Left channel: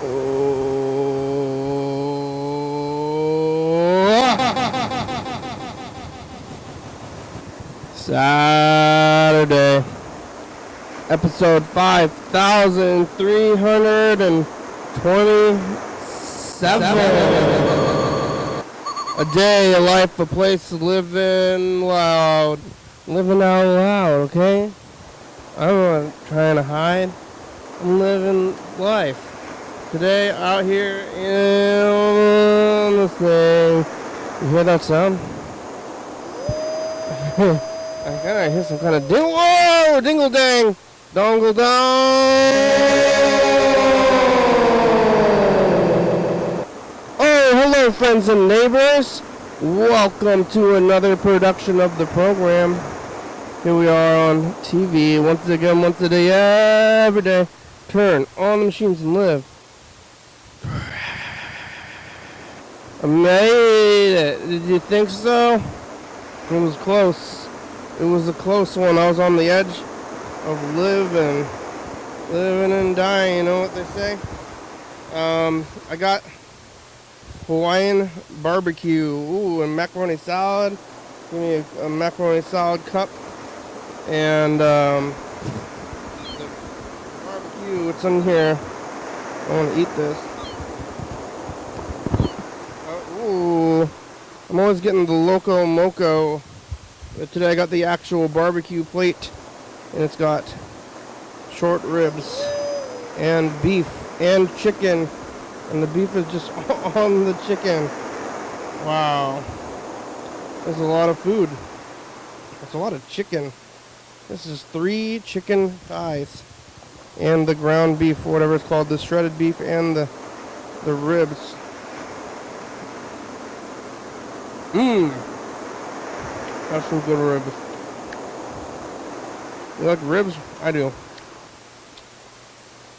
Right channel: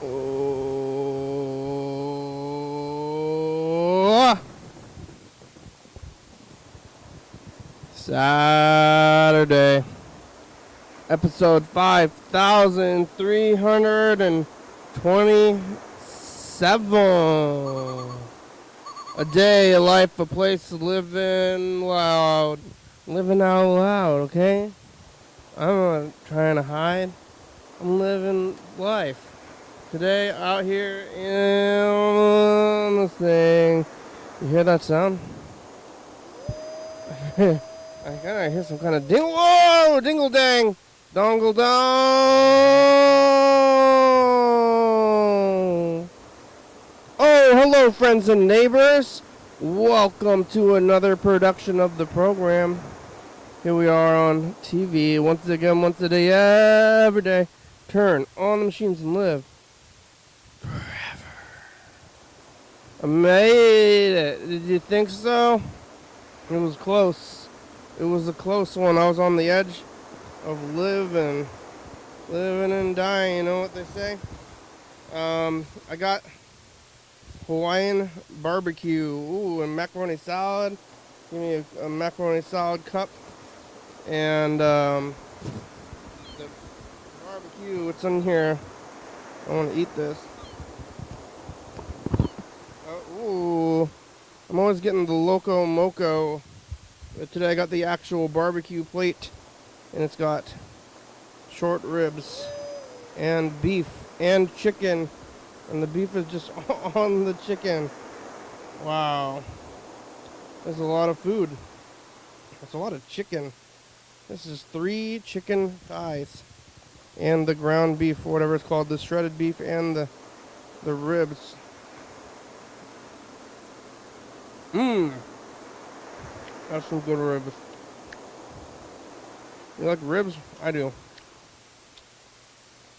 Saturday, episode 5327. A day, a life, a place, living loud. Living out loud, okay? I'm not trying to hide. I'm living life. Today, out here in the thing. You hear that sound? I gotta hear some kind of dingle. Whoa! Dingle dang! Dongle dong! Oh, hello, friends and neighbors. Welcome to another production of the program. Here we are on TV once again, once a day, every day. Turn on the machines and live. I made it. Did you think so? It was close. It was a close one. I was on the edge of living and dying. You know what they say? I got Hawaiian barbecue. Ooh, and macaroni salad. Give me a macaroni salad cup. And the barbecue. What's in here? I want to eat this. Ooh. I'm always getting the Loco Moco. But today I got the actual barbecue plate. And it's got short ribs and beef and chicken. And the beef is just on the chicken. Wow. There's a lot of food. That's a lot of chicken. This is 3 chicken thighs. And the ground beef, or whatever it's called. The shredded beef and the ribs. Mmm. That's some good ribs. You like ribs? I do.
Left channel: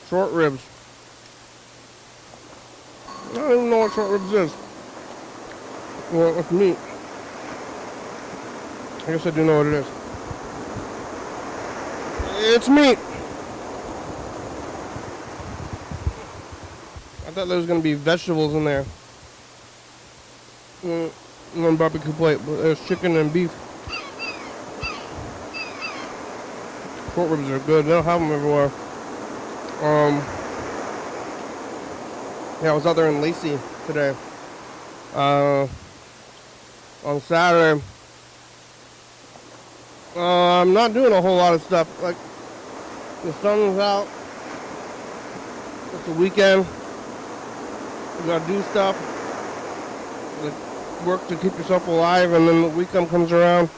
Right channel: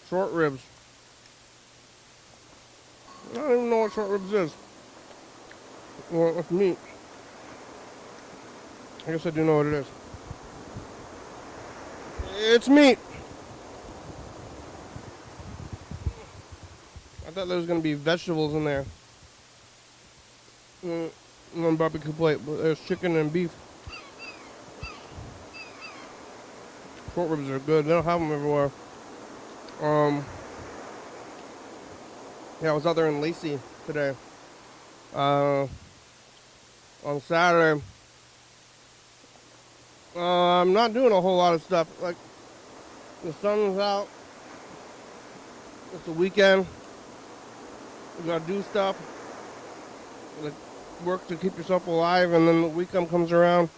Short ribs. I don't even know what short ribs is. Well, it's meat. I guess I do know what it is. It's meat. I thought there was going to be vegetables in there. One barbecue plate, but there's chicken and beef. Short ribs are good. They don't have them everywhere. Yeah, I was out there in Lacey today. On Saturday. I'm not doing a whole lot of stuff. Like, the sun's out. It's a weekend. You gotta do stuff. Like, work to keep yourself alive, and then the weekend comes around.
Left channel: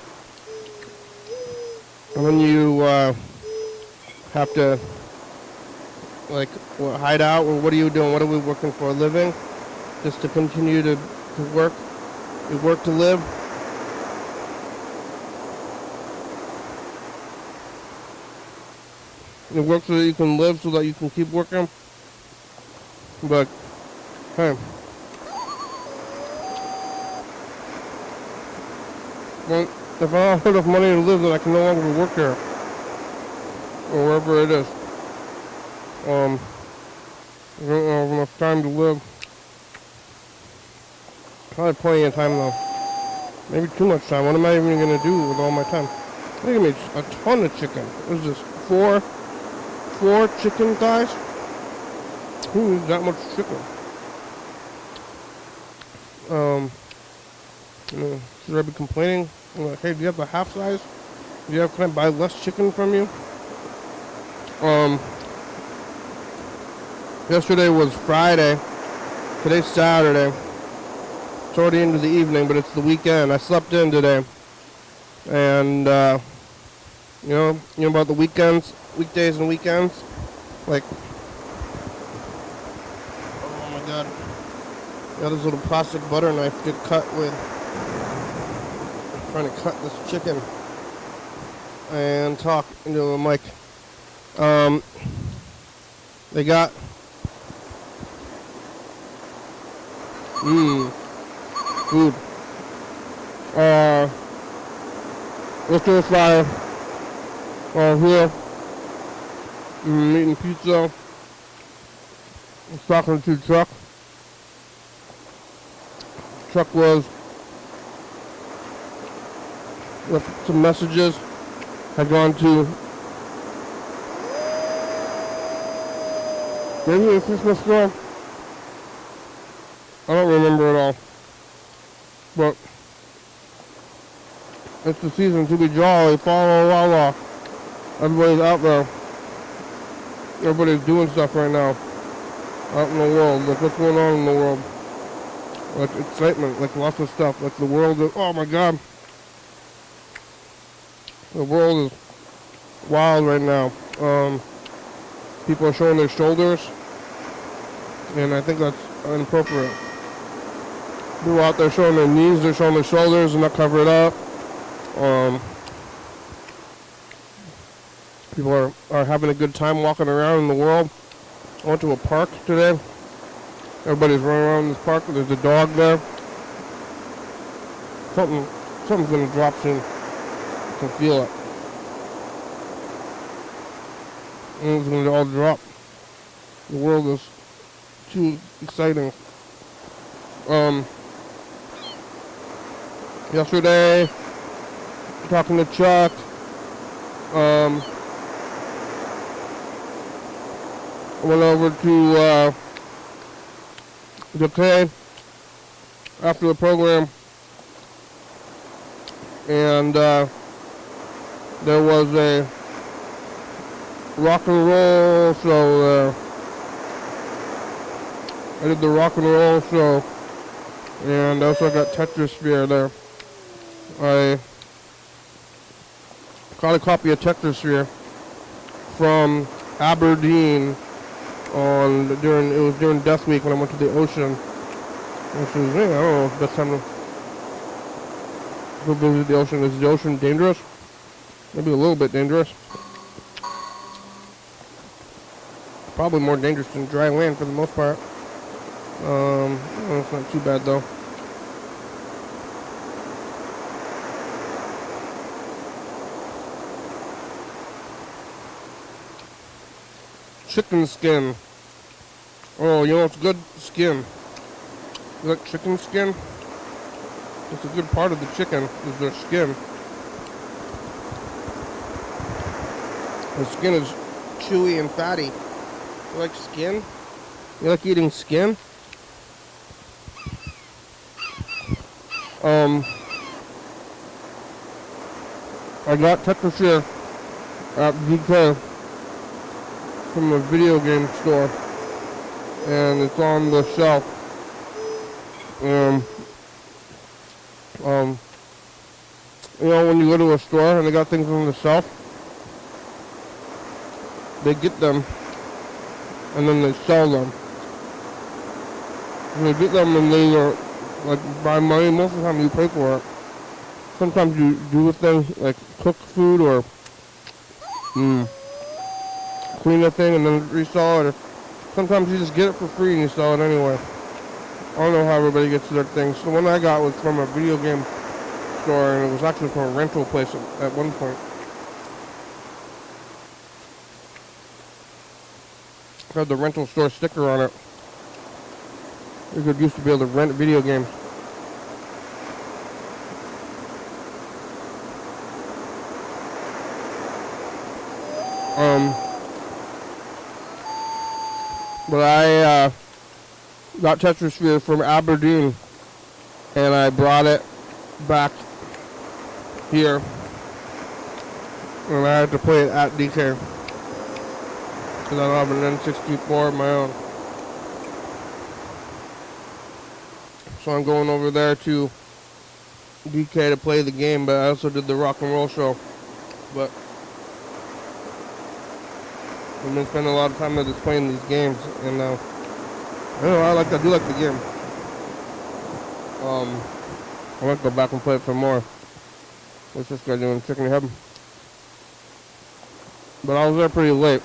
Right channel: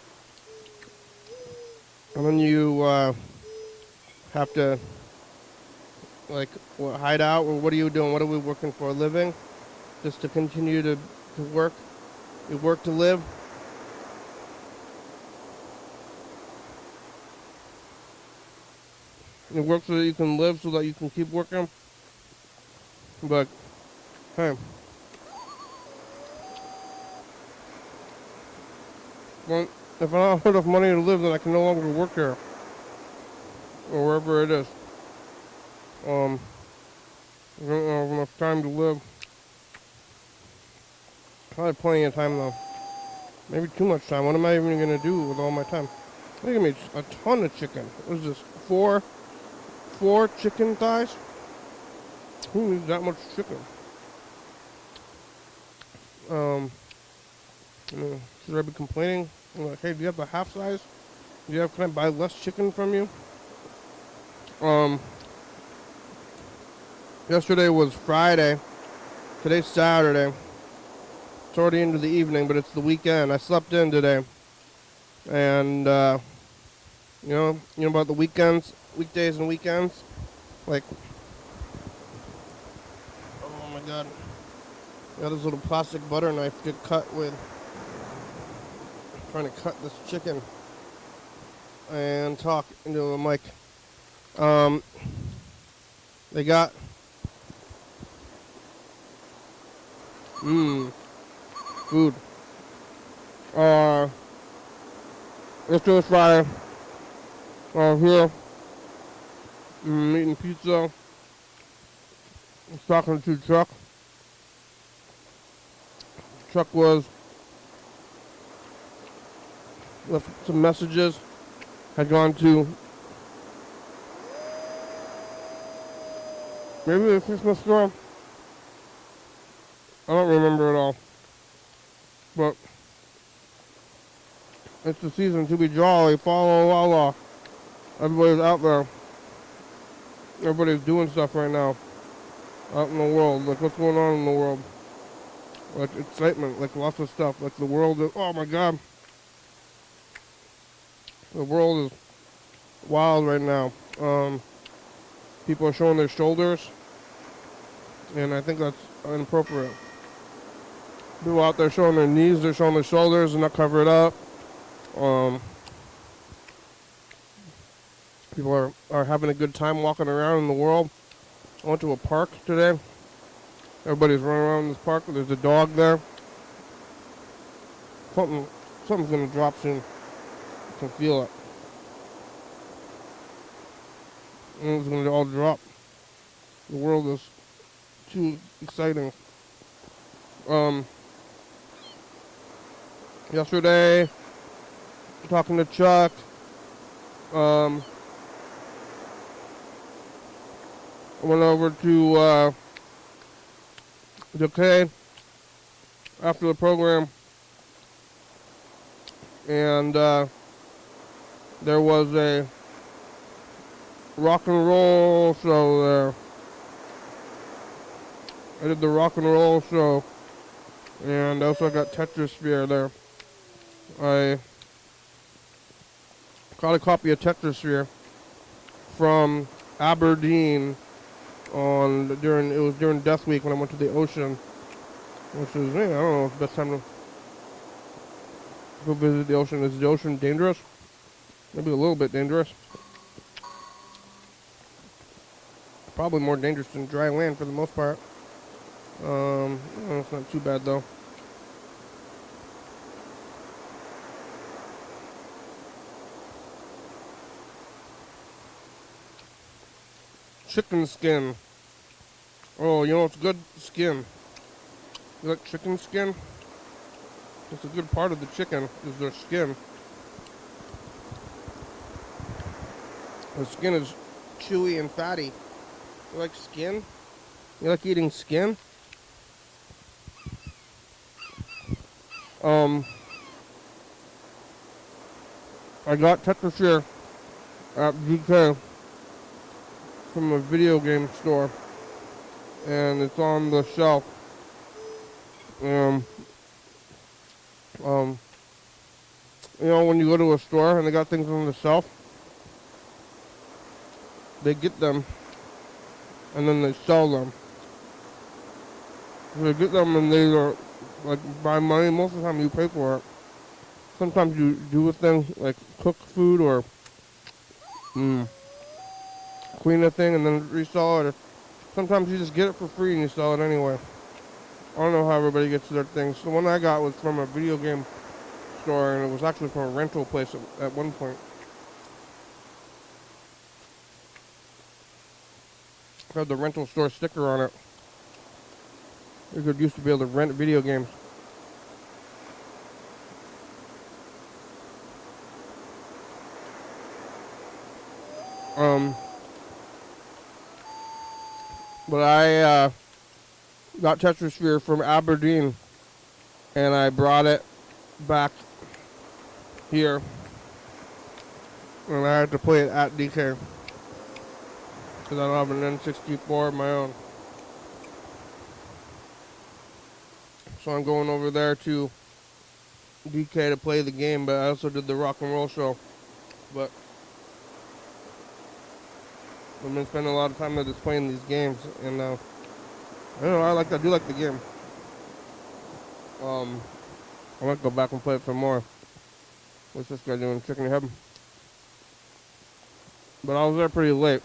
And then you have to, like, hide out, or what are you doing? What are we working for? A living? Just to continue to work? You work to live? You work so that you can live, so that you can keep working? But, hey. Well, if I don't have enough money to live, then I can no longer work there. Or wherever it is. I don't have enough time to live. Probably plenty of time though. Maybe too much time. What am I even going to do with all my time? They give me a ton of chicken. What is this? Four chicken thighs? Who needs that much chicken? Should I be complaining? Like, hey, do you have the half size? Can I buy less chicken from you? Yesterday was Friday. Today's Saturday. It's already into the evening, but it's the weekend. I slept in today. And, you know about the weekends, weekdays and weekends? Like, oh my god. Got this little plastic butter knife to cut with. I'm trying to cut this chicken and talk into the mic. They got food. Yesterday's Friday. Here. Eating pizza. was talking to Chuck. Chuck was with some messages. Had gone to maybe a Christmas store. I don't remember at all. But it's the season to be jolly, fa la la la. Everybody's out there. Everybody's doing stuff right now. Out in the world. Like what's going on in the world. Like excitement, like lots of stuff. Like the world is, oh my god. The world is wild right now. People are showing their shoulders. And I think that's inappropriate. People out there showing their knees, they're showing their shoulders and not cover it up. People are having a good time walking around in the world. I went to a park today. Everybody's running around in this park. There's a dog there. Something's gonna drop soon. I can feel it. And it's gonna all drop. The world is too exciting. Yesterday, talking to Chuck, I went over to the K after the program, and there was a rock and roll show. I did the rock and roll show, and also got Tetrasphere there. I got a copy of Tetrasphere from Aberdeen during Death Week when I went to the ocean. Which is, I don't know, it's the best time to go visit the ocean. Is the ocean dangerous? Maybe a little bit dangerous. Probably more dangerous than dry land for the most part. It's not too bad though. Chicken skin. Oh, you know it's good? Skin. You like chicken skin? It's a good part of the chicken is their skin. The skin is chewy and fatty. You like skin? You like eating skin? I got Tetrasphere at VK from a video game store, and it's on the shelf. You know, when you go to a store and they got things on the shelf, they get them and then they sell them. They get them and they are like buy money. Most of the time you pay for it. Sometimes you do with them like cook food or clean the thing and then resell it. Or sometimes you just get it for free and you sell it anyway. I don't know how everybody gets their things. The one I got was from a video game store, and it was actually from a rental place at one point. It had the rental store sticker on it. You could used to be able to rent video games. But I got Tetrasphere from Aberdeen, and I brought it back here, and I had to play it at DK because I don't have an N64 of my own. So I'm going over there to DK to play the game, but I also did the rock and roll show. But I've been spending a lot of time just playing these games, and I don't know, I do like the game. I might go back and play it some more. What's this guy doing? Chicken heaven. But I was there pretty late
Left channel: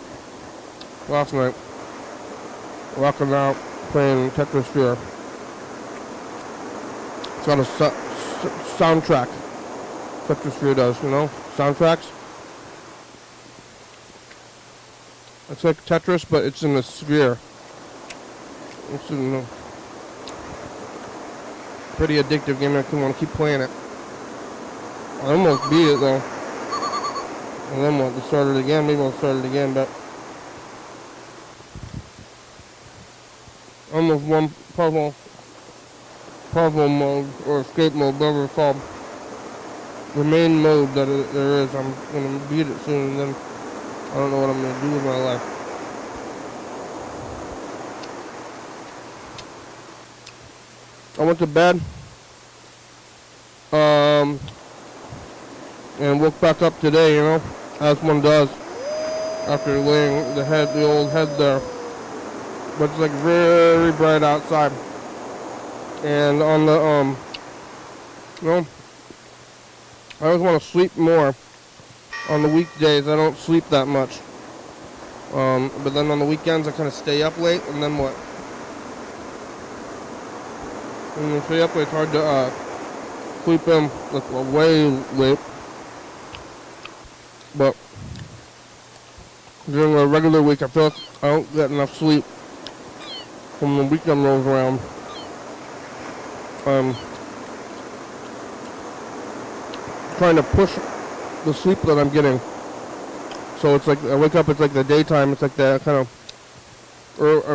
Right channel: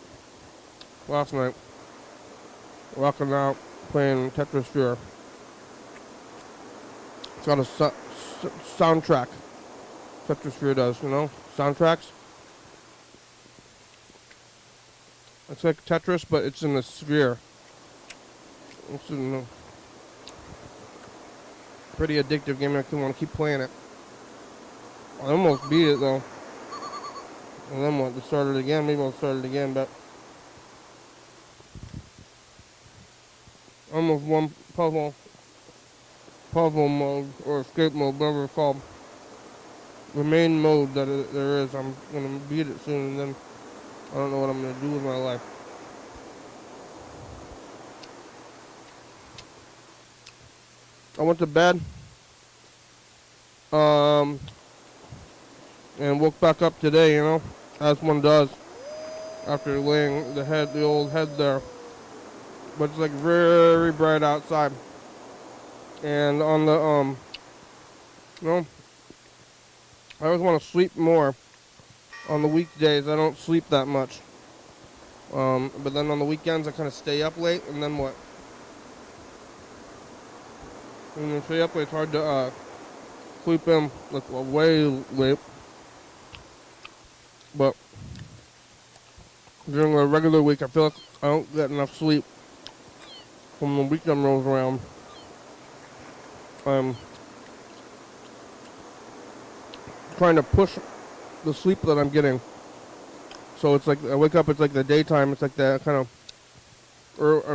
last night, rocking out, playing Tetrasphere. It's got a soundtrack. Tetrasphere does, you know, soundtracks. It's like Tetris, but it's in a sphere. It's a pretty addictive game. I want to keep playing it. I almost beat it though. And then what? To start it again. Maybe I'll start it again, but almost one puzzle mode or escape mode, whatever it's called. The main mode that there is. I'm gonna beat it soon, and then I don't know what I'm gonna do with my life. I went to bed, and woke back up today, you know, as one does after laying the old head there. But it's like very bright outside, and on the you know, I always want to sleep more. On the weekdays, I don't sleep that much, but then on the weekends, I kind of stay up late, and then what? When you stay up late, it's hard to sleep in like way late. But during a regular week, I feel like I don't get enough sleep. When the weekend rolls around, I'm trying to push the sleep that I'm getting. So it's like I wake up, it's like the daytime, it's like the kind of it's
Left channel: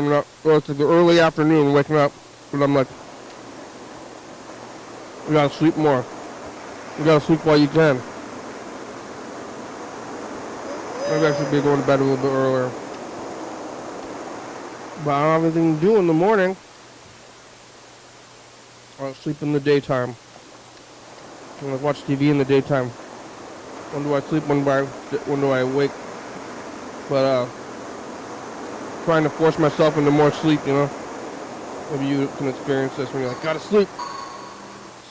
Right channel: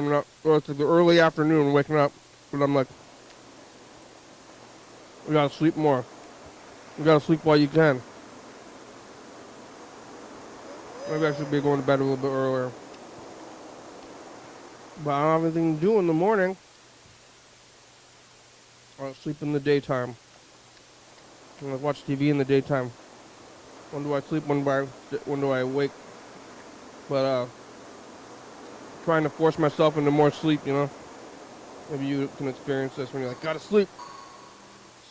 like the early afternoon waking up, but I'm like, you gotta sleep more. You gotta sleep while you can. Maybe I should be going to bed a little bit earlier. But I don't have anything to do in the morning. I'll sleep in the daytime. I'm gonna watch TV in the daytime. When do I sleep? When do I wake? But trying to force myself into more sleep, you know. Maybe you can experience this when you're like, gotta sleep.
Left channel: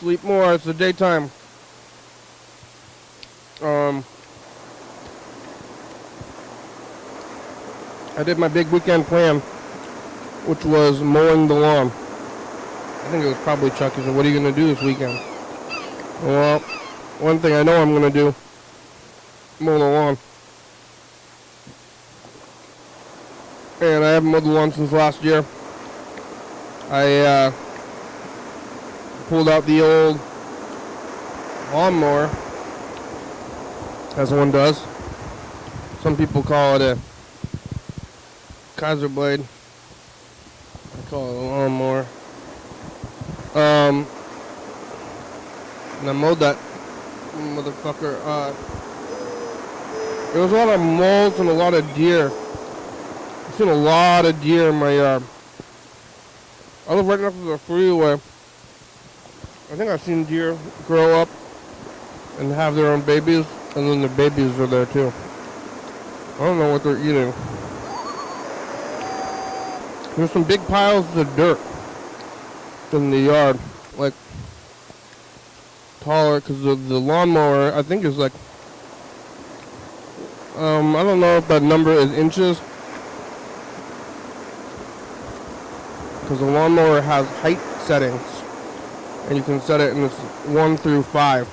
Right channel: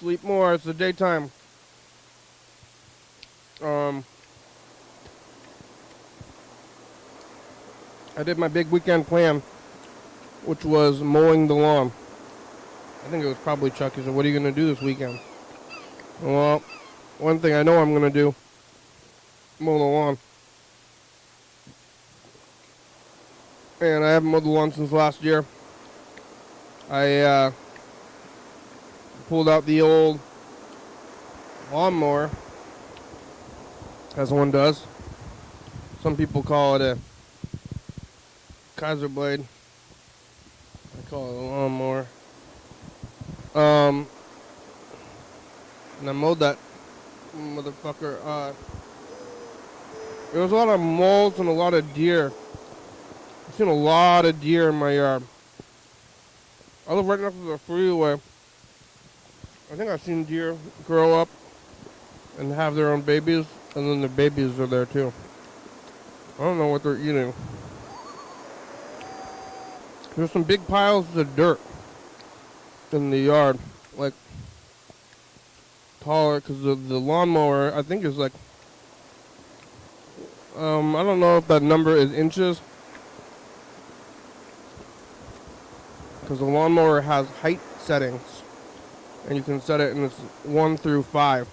Sleep more. It's the daytime. I did my big weekend plan, which was mowing the lawn. I think it was probably Chucky said, "What are you gonna do this weekend?" Well, one thing I know I'm gonna do: mow the lawn. And I haven't mowed the lawn since last year. I pulled out the old lawnmower, as one does. Some people call it a Kaiser blade. I call it a lawnmower. And I mowed that motherfucker. There was a lot of moles and a lot of deer. I've seen a lot of deer in my yard. I live right next to the freeway. I think I've seen deer grow up and have their own babies, and then the babies are there too. I don't know what they're eating. There's some big piles of dirt in the yard, like taller, because the lawnmower, I think, is like, I don't know if that number is inches, because the lawnmower has height settings, and you can set it in 1 through 5.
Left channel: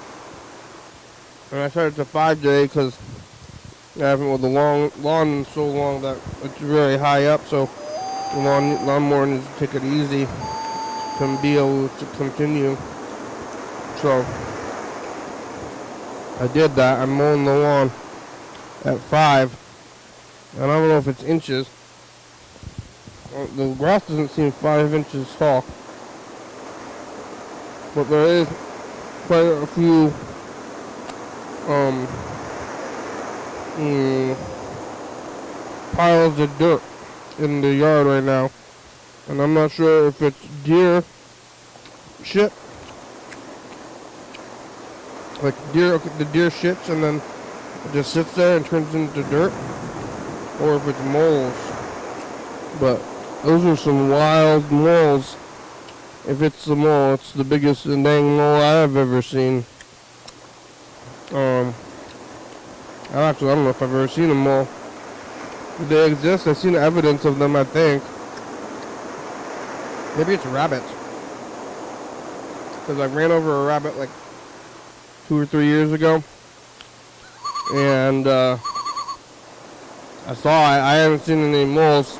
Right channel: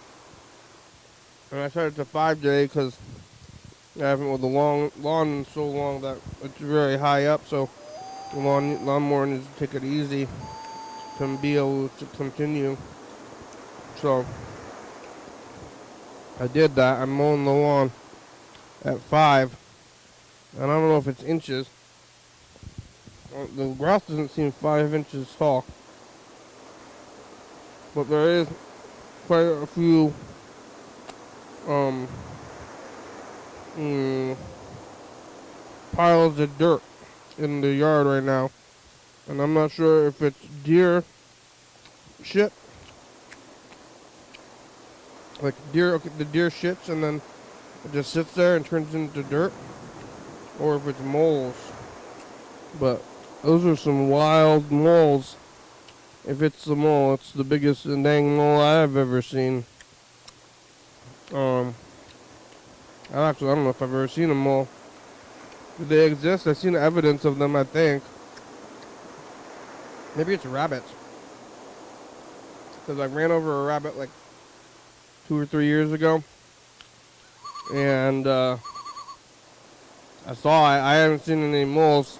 And I set it to 5 today because I haven't mowed the lawn in so long that it's really high up, so the lawnmower needs to take it easy to be able to continue. So I did that. I'm mowing the lawn at 5, and I don't know if it's inches. The grass doesn't seem 5 inches tall, but there is quite a few piles of dirt in the yard right now, and I'm not sure if it's deer shit, like the deer shits and then it just sits there and turns into dirt, or if it's moles. But those are some wild moles. If it's the mole, it's the biggest dang mole I've ever seen. Actually, I don't know if I've ever seen a mole. They exist. I've seen evidence of them, I think. Maybe it's rabbits. Because I ran over a rabbit like 2 or 3 years ago. And I saw it. I haven't seen any moles.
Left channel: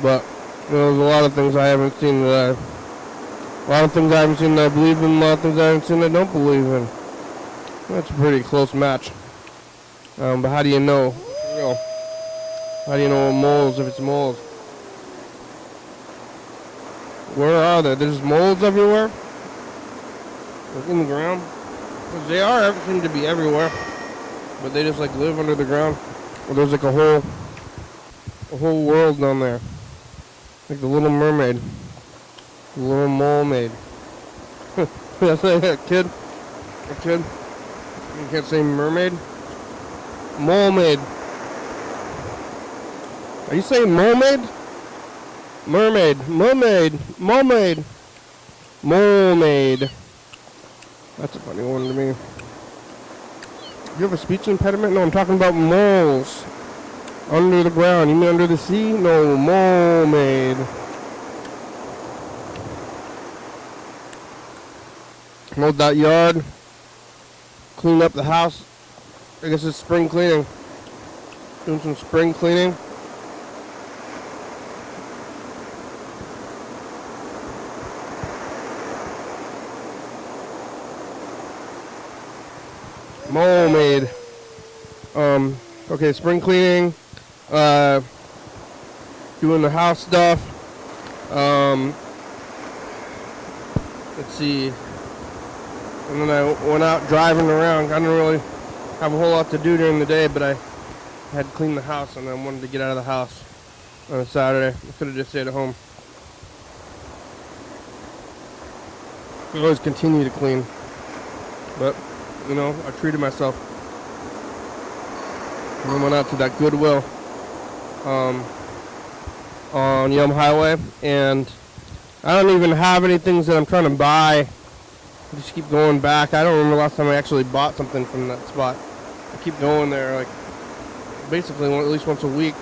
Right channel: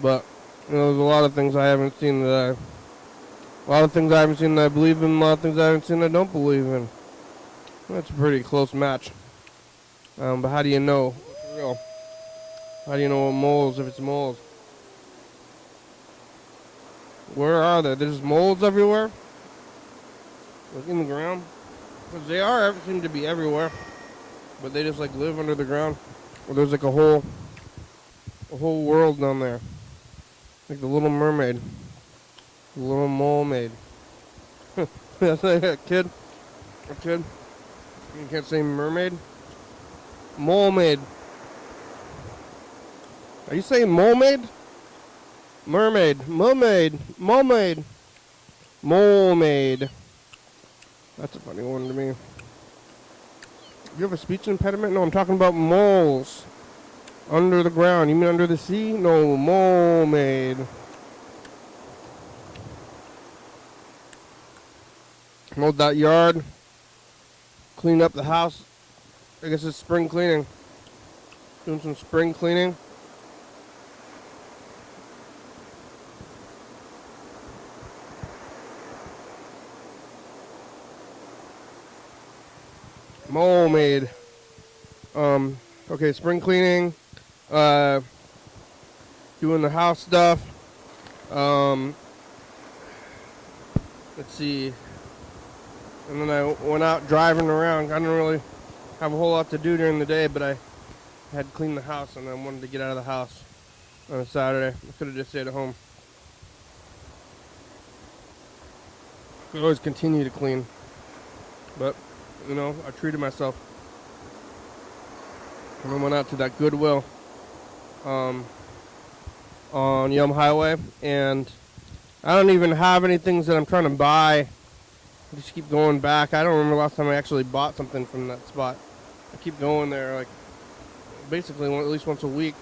But There's a lot of things I haven't seen that a lot of things I haven't seen that I believe in, a lot of things I haven't seen that I don't believe in. That's a pretty close match. But how do you know? You know, how do you know moles if it's moles? Where are they? There's moles everywhere? Like in the ground? Because they are seem to be everywhere. But they just like live under the ground. Well, there's like a whole world down there. Like the Little Mermaid. The Little Molemaid. That's like a kid. A kid. You can't say mermaid? Molemaid. Are you saying molemaid? Mermaid. Mermaid. Molemaid. Molemaid. That's a funny one to me. You have a speech impediment? No, I'm talking about moles. Under the ground. You mean under the sea? No, molemaid. Mowed that yard. Cleaned up the house. I guess it's spring cleaning. Doing some spring cleaning. Molemaid. Okay, spring cleaning. Doing the house stuff. Let's see. And then I went out driving around. I didn't really have a whole lot to do during the day, but I had to clean the house, and I wanted to get out of the house on a Saturday. I could have just stayed at home. I always continue to clean, but you know, I treated myself. And I went out to that Goodwill on Yum Highway, and I don't even have any things that I'm trying to buy. I just keep going back. I don't remember the last time I actually bought something from that spot. I keep going there, like basically at least once a week,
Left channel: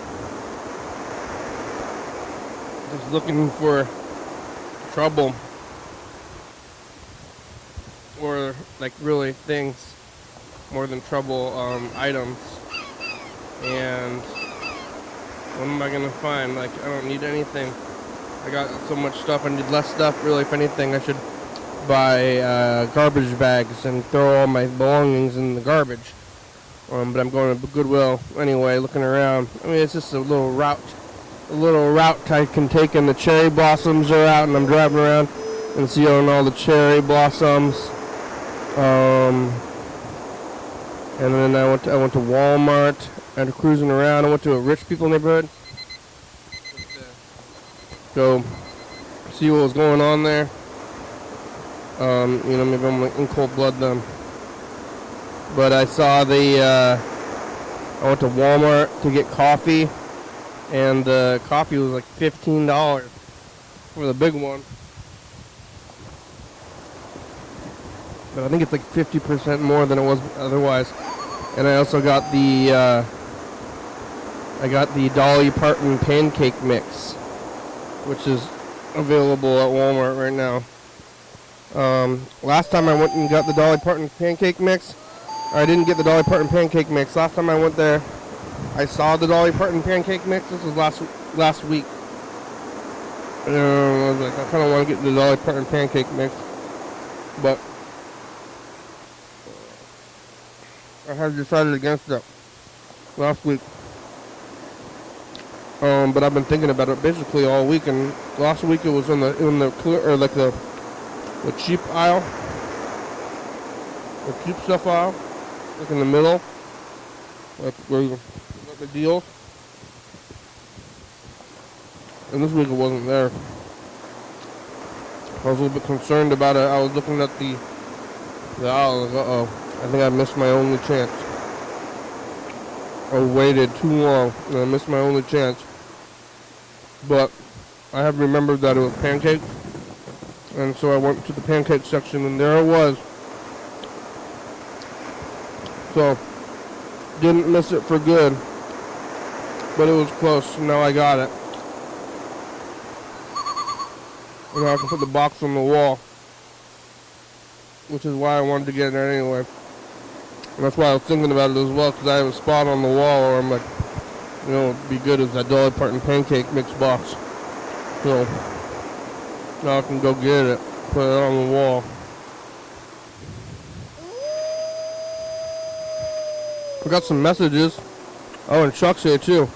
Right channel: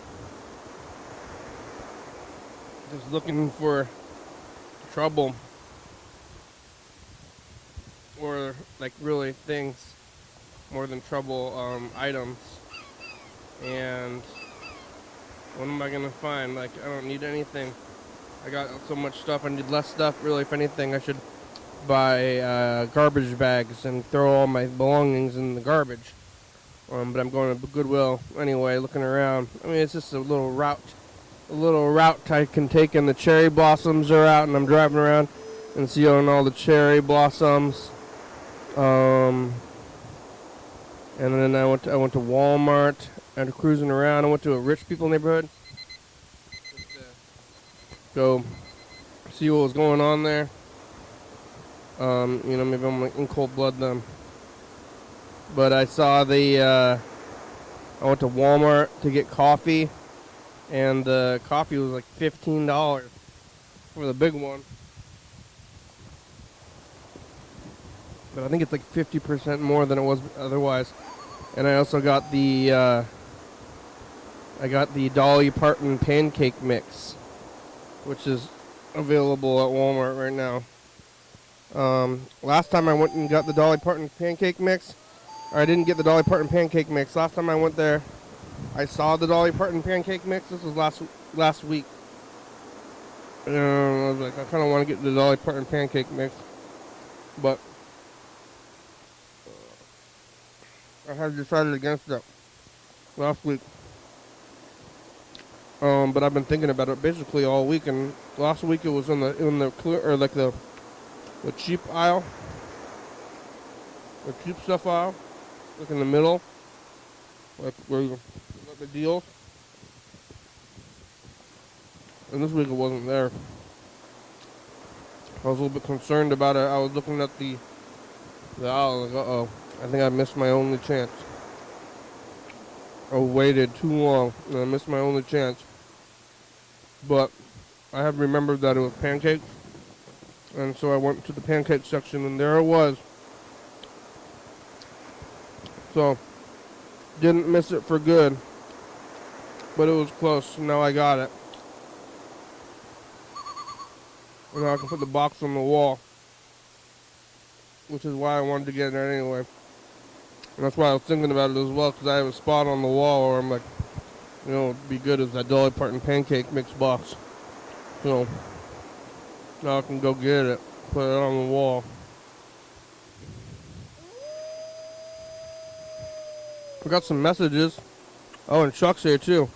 just looking for trouble or like really things more than trouble items. And what am I gonna find? Like, I don't need anything. I got so much stuff. I need less stuff. Really, if anything, I should buy garbage bags and throw all my belongings in the garbage. But I'm going to Goodwill anyway, looking around. I mean, it's just a little route I can take, and the cherry blossoms are out, and I'm driving around and seeing all the cherry blossoms. And then I went to Walmart. And cruising around. I went to a rich people neighborhood. Go see what was going on there. You know, maybe I'm like in cold blood then. But I saw I went to Walmart to get coffee, and the coffee was like $15 for the big one. But I think it's like 50% more than it was otherwise. And I also got the Dolly Parton pancake mix, which is available at Walmart right now. Last time I went and got the Dolly Parton pancake mix, I didn't get the Dolly Parton pancake mix. Last time I went there, I saw the Dolly Parton pancake mix. This was last week. And I was like, I kind of want to get the Dolly Parton pancake mix, but I had decided against it last week. But I've been thinking about it basically all week, and last week it was in the clear, or like the cheap aisle, the cheap stuff aisle, like in the middle, like where you get the deals. And this week it wasn't there. I was a little bit concerned about it. I was looking at the aisle, like, uh-oh, I think I missed my only chance. I waited too long, and I missed my only chance. But I have remembered that it was pancakes, and so I went to the pancake section, and there I was. So, didn't miss it for good, but it was close. Now I got it. And now I can put the box on the wall, which is why I wanted to get it anyway. And that's why I was thinking about it as well, because I have a spot on the wall where I'm like, you know, it'd be good as that Dolly Parton pancake mix box. So now I can go get it, put it on the wall. I got some messages. Oh, and Chuck's here too.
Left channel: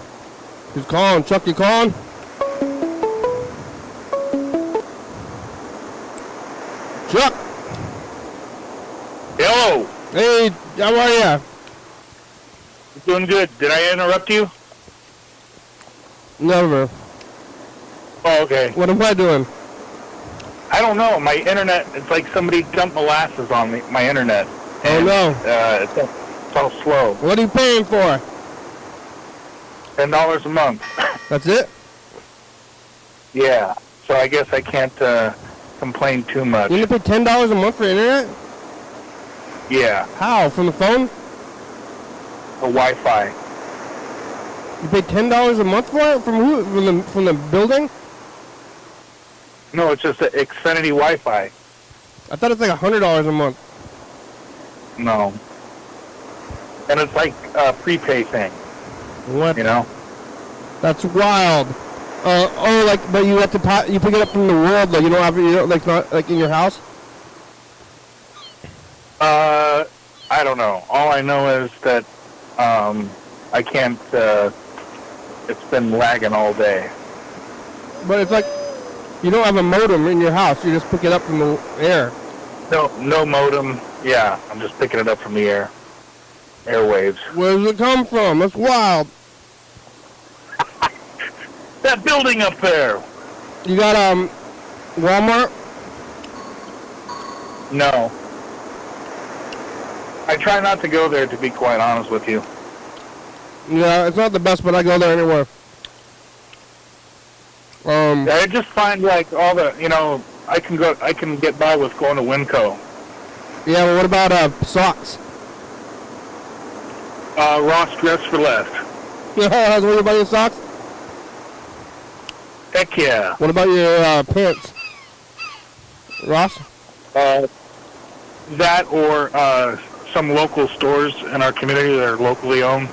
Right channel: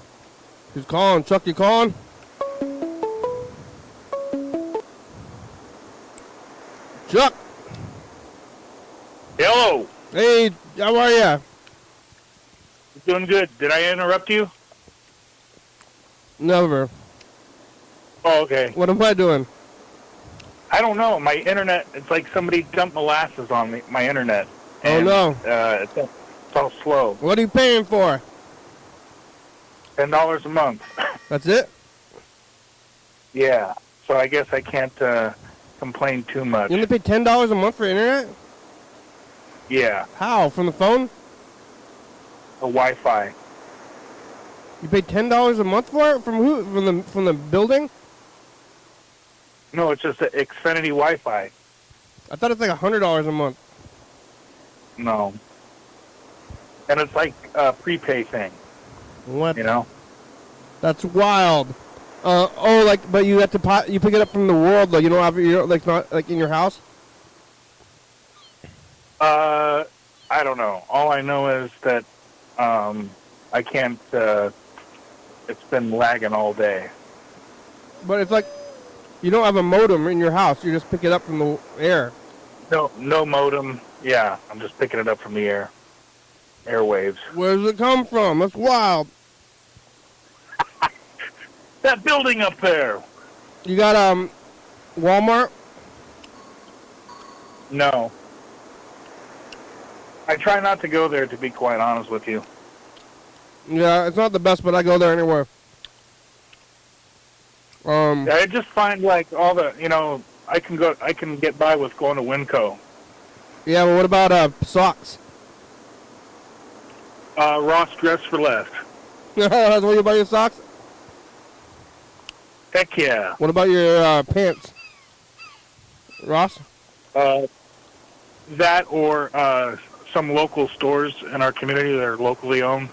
He's calling. Chuck, you calling? Chuck! Hello. Hey, how are ya? Doing good. Did I interrupt you? Never. Oh, okay. What am I doing? I don't know. My internet, it's like somebody dumped molasses on me, my internet. Oh, no. It's all slow. What are you paying for? $10 a month. That's it? Yeah. So I guess I can't complain too much. You gonna pay $10 a month for internet? Yeah. How? From the phone? The Wi-Fi. You pay $10 a month for it? From who? From the building? No, it's just the Xfinity Wi-Fi. I thought it's like $100 a month. No. And it's like a prepay thing. What? You know? That's wild. But you have to you pick it up from the world, like you don't have like not like in your house. I don't know. All I know is that I can't. It's been lagging all day. But it's like you don't have a modem in your house. You just pick it up from the air. No modem. Yeah, I'm just picking it up from the airwaves. Where does it come from? That's wild. That building up there. You got Walmart? No. I try not to go there, to be quite honest with you. Yeah, it's not the best, but I go there anyway. I just find like all the, I can get by with going to Winco. Yeah, well, what about socks? Ross Dress for Less. Yeah, what about your socks? Heck yeah. What about your pants? Ross? That or some local stores in our community that are locally owned.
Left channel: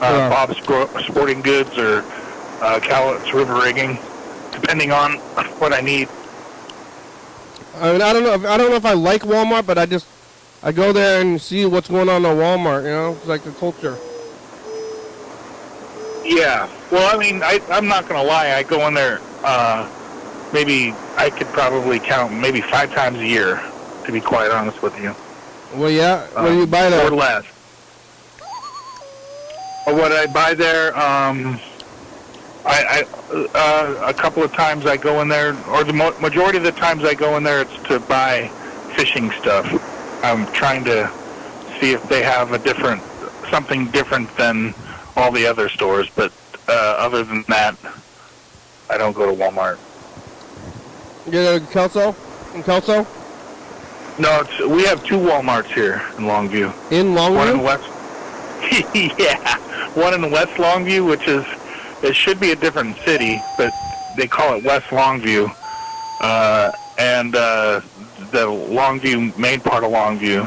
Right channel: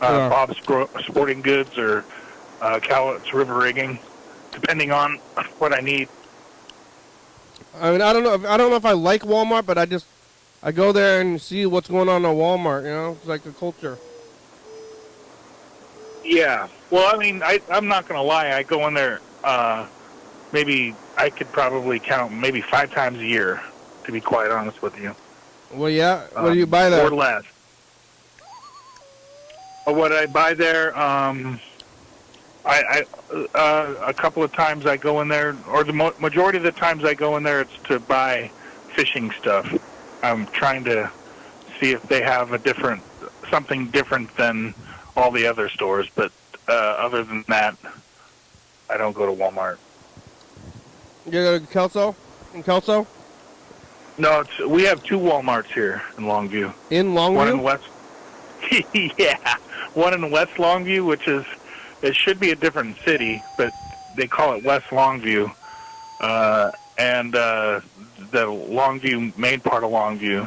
Bob's Sporting Goods or Cowlitz River Rigging, depending on what I need. I mean, I don't know if I like Walmart, but I go there and see what's going on at Walmart. It's like the culture. Yeah. Well, I mean, I'm not gonna lie. I go in there. Maybe I could probably count maybe 5 times a year, to be quite honest with you. Well, yeah. What do you buy there? Or less. What I buy there, a couple of times I go in there, or the majority of the times I go in there, it's to buy fishing stuff. I'm trying to see if they have something different than all the other stores, but other than that, I don't go to Walmart. You go to Kelso? In Kelso? No, we have 2 Walmarts here in Longview. In Longview? One in West. Yeah, one in West Longview, it should be a different city, but they call it West Longview, and the Longview, main part of Longview.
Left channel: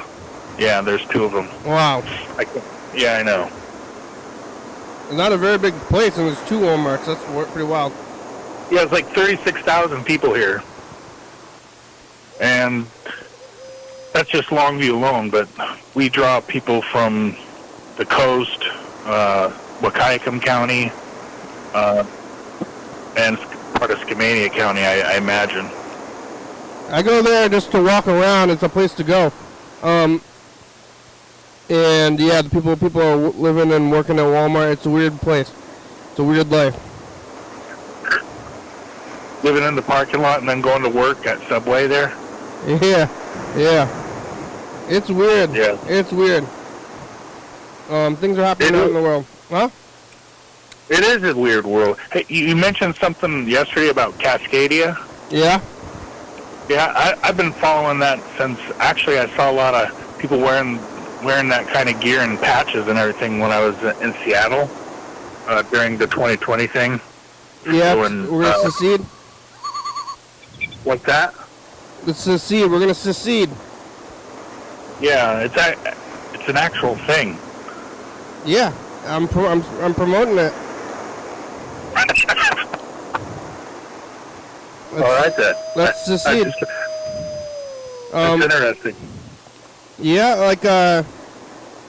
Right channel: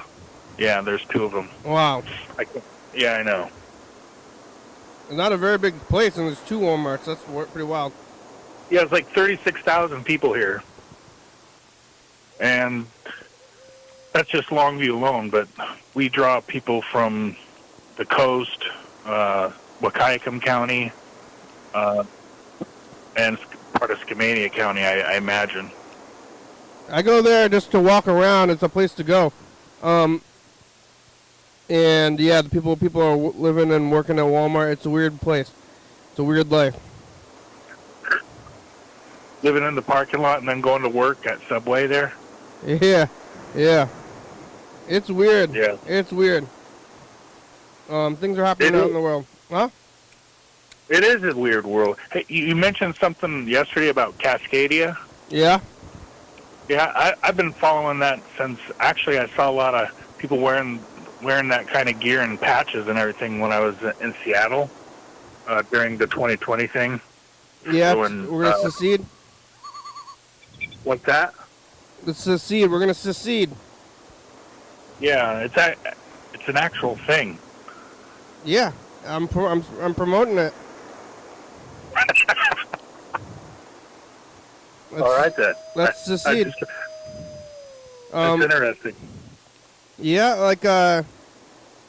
Yeah, there's 2 of them. Wow. Yeah, I know. Not a very big place, and there's 2 Walmarts. That's pretty wild. Yeah, it's like 36,000 people here, and that's just Longview alone. But we draw people from the coast, Wahkiakum County, and part of Skamania County, I imagine. I go there just to walk around. It's a place to go. And yeah, the people are living and working at Walmart. It's a weird place. It's a weird life. Living in the parking lot and then going to work at Subway there? Yeah. It's weird. Yeah. It's weird. Things are happening out in the world. Huh? It is a weird world. Hey, you mentioned something yesterday about Cascadia. Yeah? Yeah, I've been following that since, actually I saw a lot of people wearing that kind of gear and patches and everything when I was in Seattle during the 2020 thing. Yeah, we're going to secede. What's that? Let's secede. We're going to secede. Yeah, it's an actual thing. Yeah, I'm promoting it. All right then. Let's secede. That's interesting. Yeah, like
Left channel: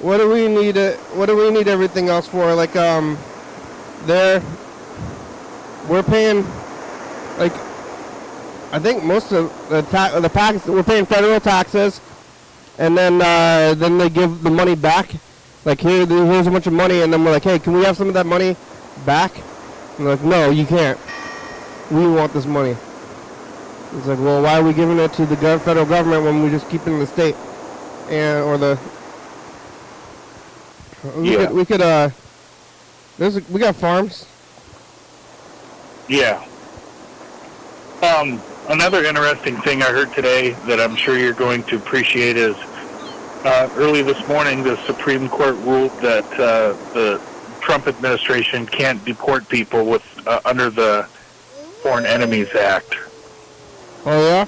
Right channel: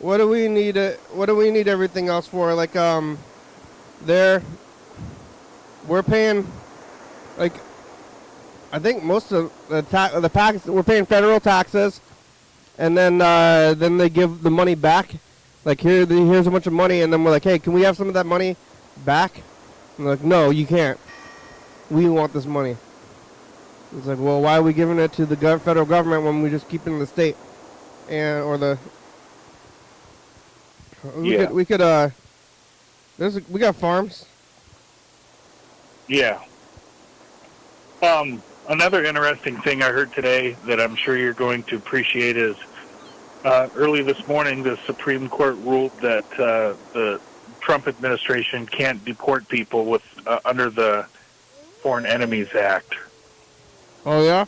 what do we need? What do we need everything else for? Like we're paying like I think most of the tax we're paying federal taxes, and then they give the money back. Like here's a bunch of money, and then we're like, hey, can we have some of that money back? And they're like, no, you can't. We want this money. It's like, well, why are we giving it to the federal government when we just keep it in the state? We got farms. Yeah. Another interesting thing I heard today that I'm sure you're going to appreciate is early this morning the Supreme Court ruled that the Trump administration can't deport people with under the Foreign Enemies Act. Oh yeah.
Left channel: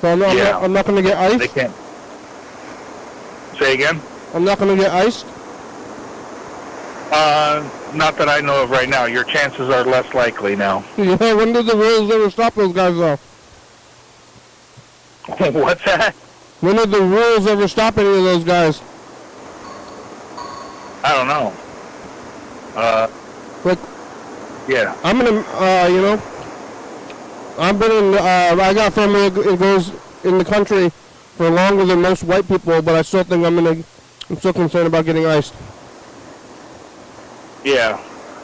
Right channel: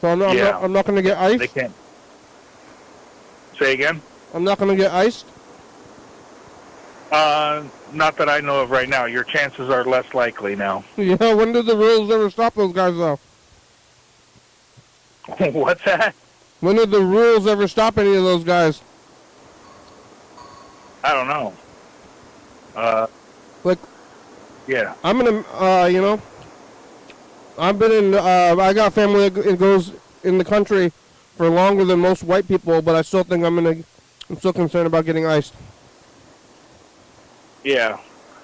So I'm not going to get iced. They can't. Say again. I'm not going to get iced. Not that I know of right now. Your chances are less likely now. Yeah, when did the rules ever stop those guys, though? What's that? When did the rules ever stop any of those guys? I don't know. Like, yeah. I'm gonna, I've been in, I got family that goes in the country for longer than most white people, but I still think I'm still concerned about getting iced. Yeah,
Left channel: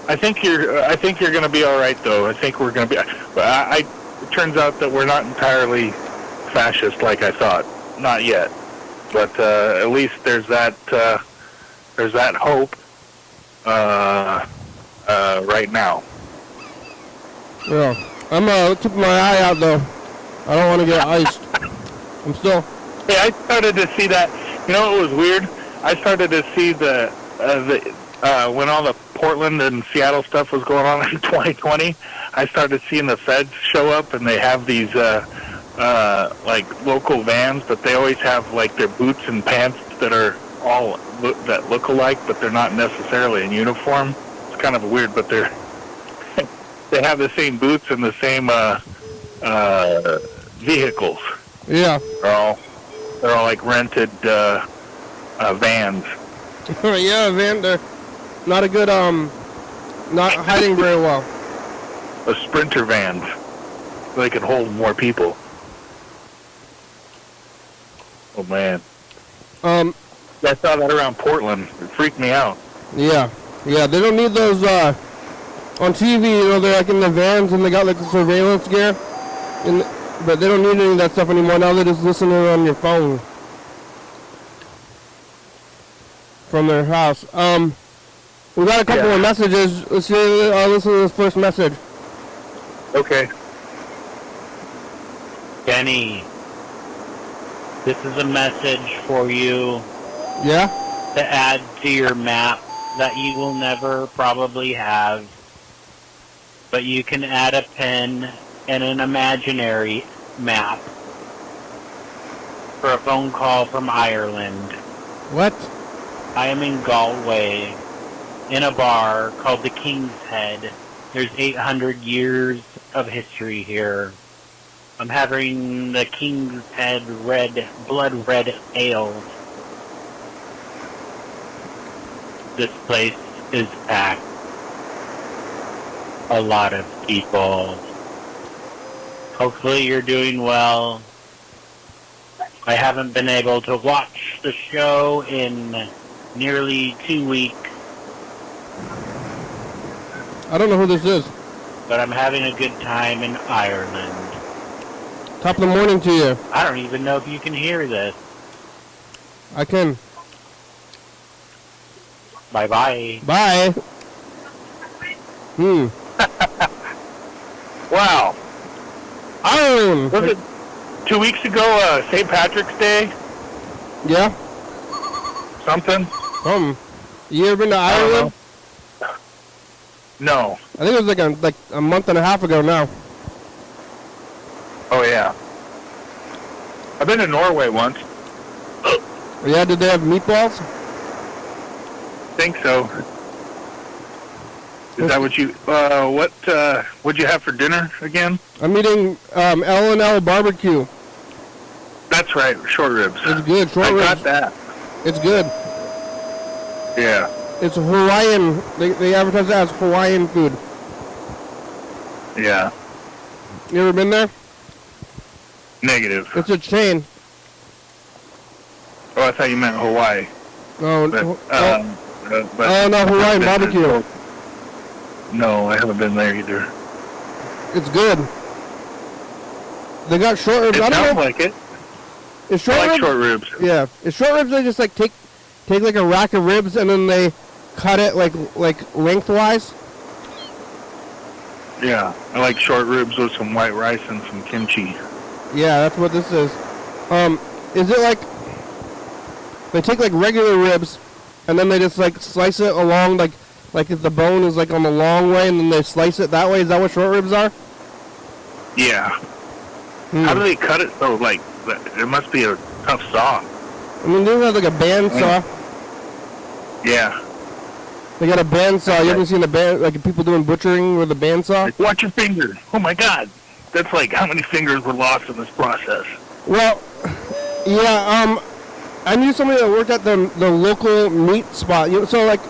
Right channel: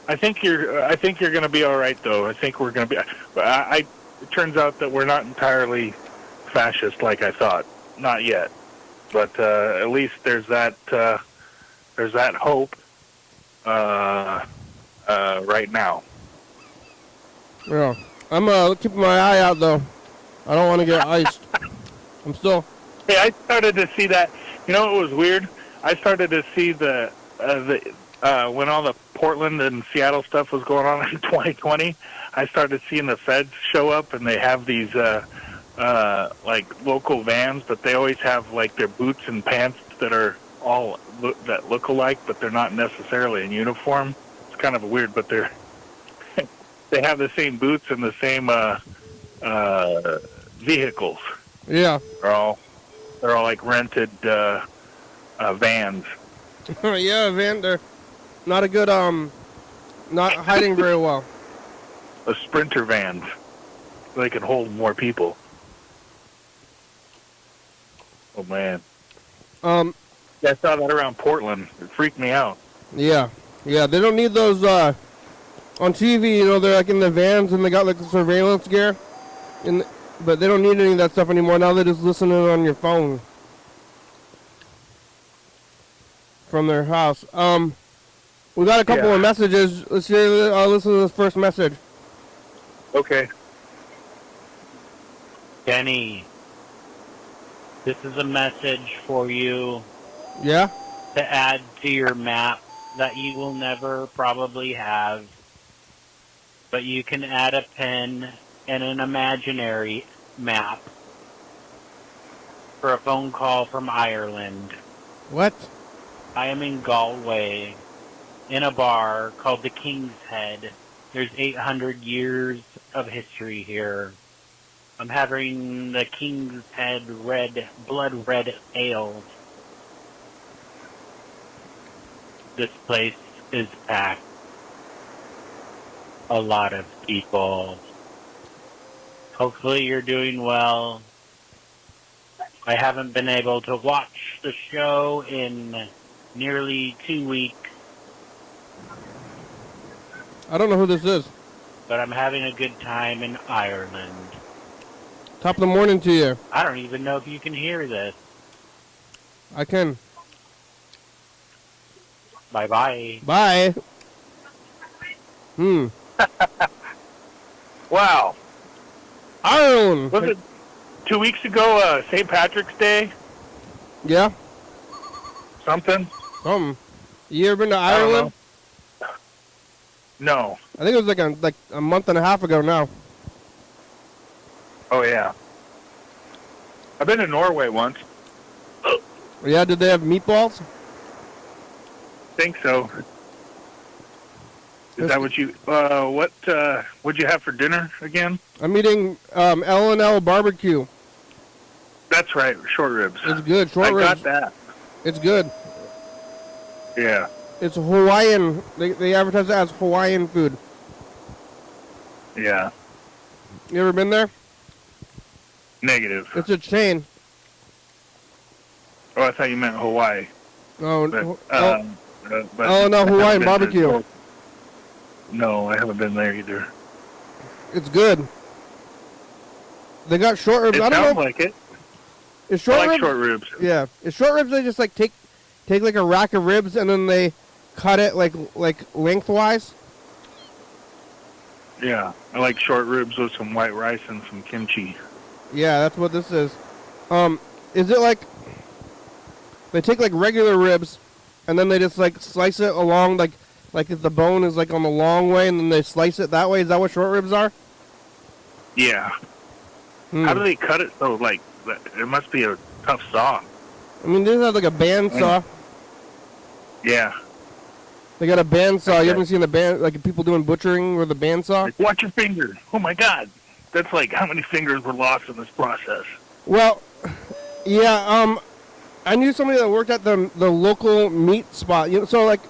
I think you're going to be all right, though. I think we're going to be. It turns out that we're not entirely fascist like I thought. Not yet, but at least there's that hope right now. Yeah, I'm keeping my eye out though. I don't want to get iced. I'm still. Hey, I started to see that. You know, it was weird. I started to see the when all the Portland and Seattle stuff was going on in 2020, I started seeing the feds show up, and they have these like local vans, but they always have like their boots and pants that are all that look alike, but they're not necessarily in uniform. It's kind of weird, but they have the same boots and the same vehicles. Yeah. They're all like rented vans. Yeah, van. They're not a good not hiding very well. A Sprinter vans. So they can hold more people. Oh man. I saw that around Portland. It freaked me out. Yeah. Yeah, they don't need those on TV, you know, they're like in the vans and they got like the surveillance gear. But they don't need any of that stuff anymore. Now they're just listening on your phone from their house. We got a couple of messages. Let's hear. Listen to this first message. Okay. Kenny, this is a message for you. Yeah? To add to your map that you will never probably have. But you can add a pen and an imaginary map for a phone call from Ireland. What? I am in Galway, in a bar called the King's Head. There's 800 years of history here. I'm having the King's Head blood red ale. This place is packed. A lot of people. Hopefully you're doing well. I haven't been able to watch the show in nearly 2 weeks. I don't know who this is. But I'm having a good time in Ireland. Top of the morning to you. I don't even know if you can hear this. I can. Bye-bye. Bye. Wow. Ireland. Was it 2 weeks ago, St. Patrick's Day? Yeah. Something? You ever been to Ireland? No. I think it was like a month and a half ago now. Oh, yeah. I've been to Norway once. Yeah, did they have meatballs? Think so. Is that what you? What'd you have for dinner again? I'm eating L&L barbecue. That's right, short ribs. It's good. Short ribs. I got that. It's good. Yeah. It's Hawaiian. They advertise that as Hawaiian food. Yeah. You ever been there? Negative. It's a chain. Oh, I thought you meant Hawaii. No, But, no, Hawaiian barbecue. No, I haven't been there either. It's good. They got short ribs. It I don't sounds know. like it. Is short I like ribs? short ribs. Yeah. Is short ribs? They just like take like a rack of ribs and then they cut it like lengthwise. Yeah, I like short ribs with some white rice and some kimchi. Yeah, that's what this is. Is it like they take like regular ribs and then they just like slice it along like if the bone is like on the long way and then they slice it that way? Is that what short ribs are? Yeah. How do they cut it though? Like, it must be a tough saw. I mean, they have like a bandsaw. Yeah. They got a bandsaw. You ever seen a band like people doing butchering with a bandsaw? Like, watch your fingers. Oh my God. That's like how many fingers were lost in this process. Well, yeah. I knew somebody that worked at the local meat spot. You know, so like,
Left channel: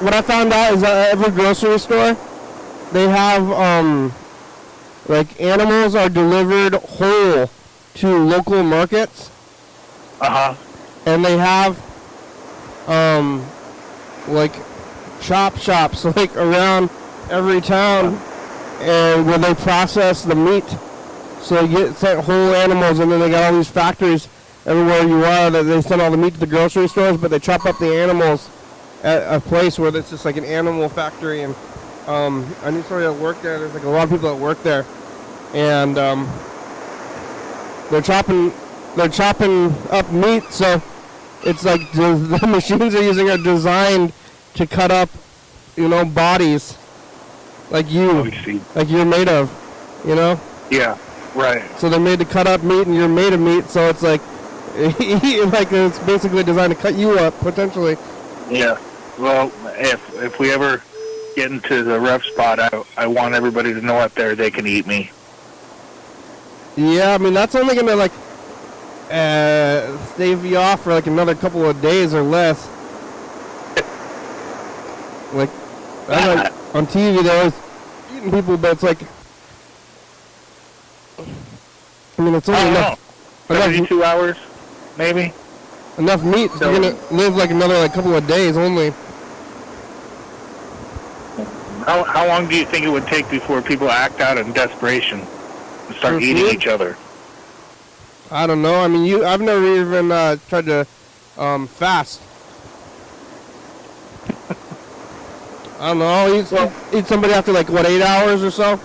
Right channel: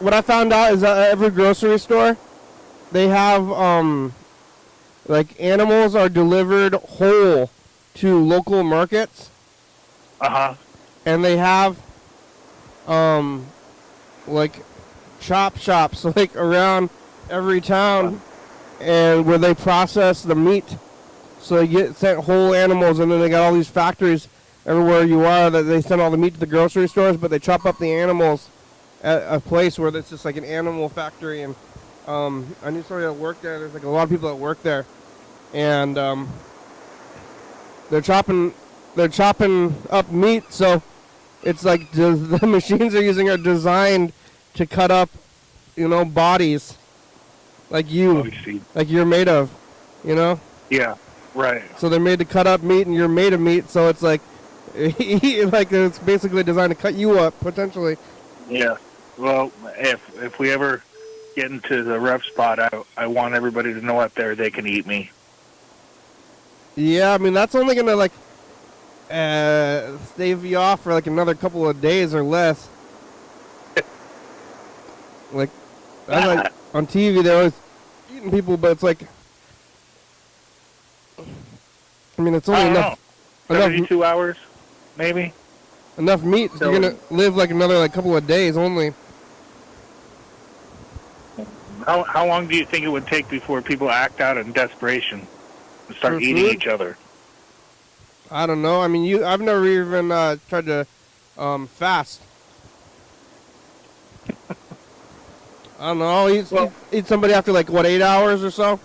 what I found out is that at every grocery store, they have like animals are delivered whole to local markets. And they have like chop shops like around every town, and where they process the meat. So you get sent whole animals, and then they got all these factories everywhere you are that they send all the meat to the grocery stores, but they chop up the animals at a place where it's just like an animal factory. And I knew somebody that worked there. There's like a lot of people that work there, and they're chopping up meat. So it's like the machines they're using are designed to cut up, you know, bodies like you're made of, you know. Yeah. Right. So they're made to cut up meat, and you're made of meat. So it's like it's basically designed to cut you up potentially. Yeah. Well, if we ever get into the rough spot, I want everybody to know out there they can eat me. Yeah, I mean that's only gonna like stave you off for like another couple of days or less. Like, like on TV, they're always eating people, but it's like, I mean, it's only enough 72 hours, maybe. Enough meat, so you're gonna live like another like couple of days only. How long do you think it would take before people act out in desperation and start eating each other? I don't know. I mean, I've never even tried to fast. I don't know. Eat somebody after like what, 8 hours or so?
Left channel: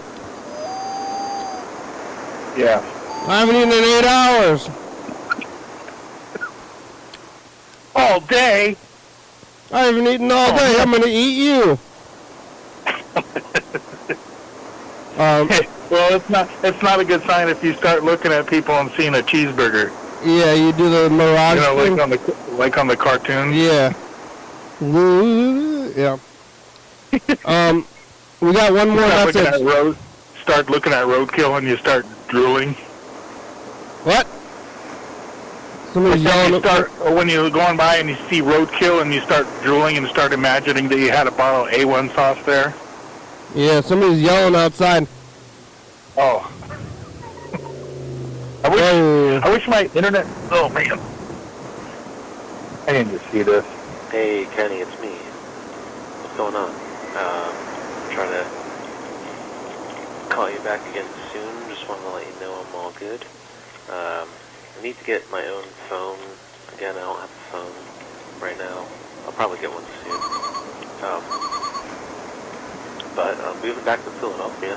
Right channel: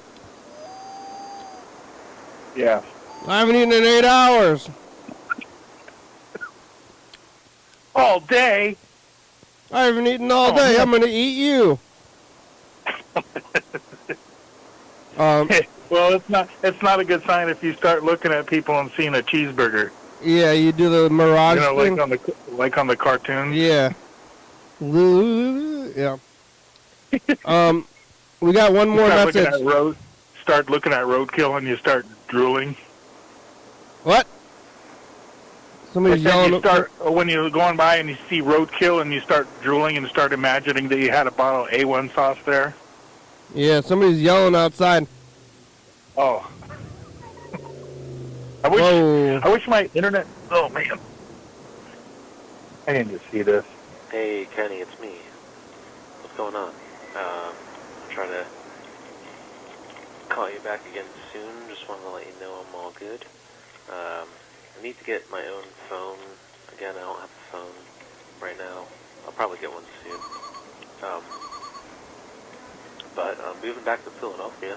Yeah. I haven't eaten in 8 hours. All day. I haven't eaten all day. I'm gonna eat you. Well, it's not a good sign if you start looking at people and seeing a cheeseburger. Yeah, you do the mirage. You know, like on the cartoons. Yeah. Yeah. We got one more message. Start looking at roadkill and you start drooling. What? Somebody's yelling. When you're going by and you see roadkill and you start drooling and start imagining that you had a bottle of A1 sauce there. Yeah, somebody's yelling outside. Oh. I wish my internet. Oh man. I need to see this. Hey Kenny, it's me. What's going on? Trying to call you back again soon. Just wanted to let you know I'm all good. I need to get my own phone. Again, I don't have a phone right now. I'll probably get one soon. But I'm moving back to Philadelphia.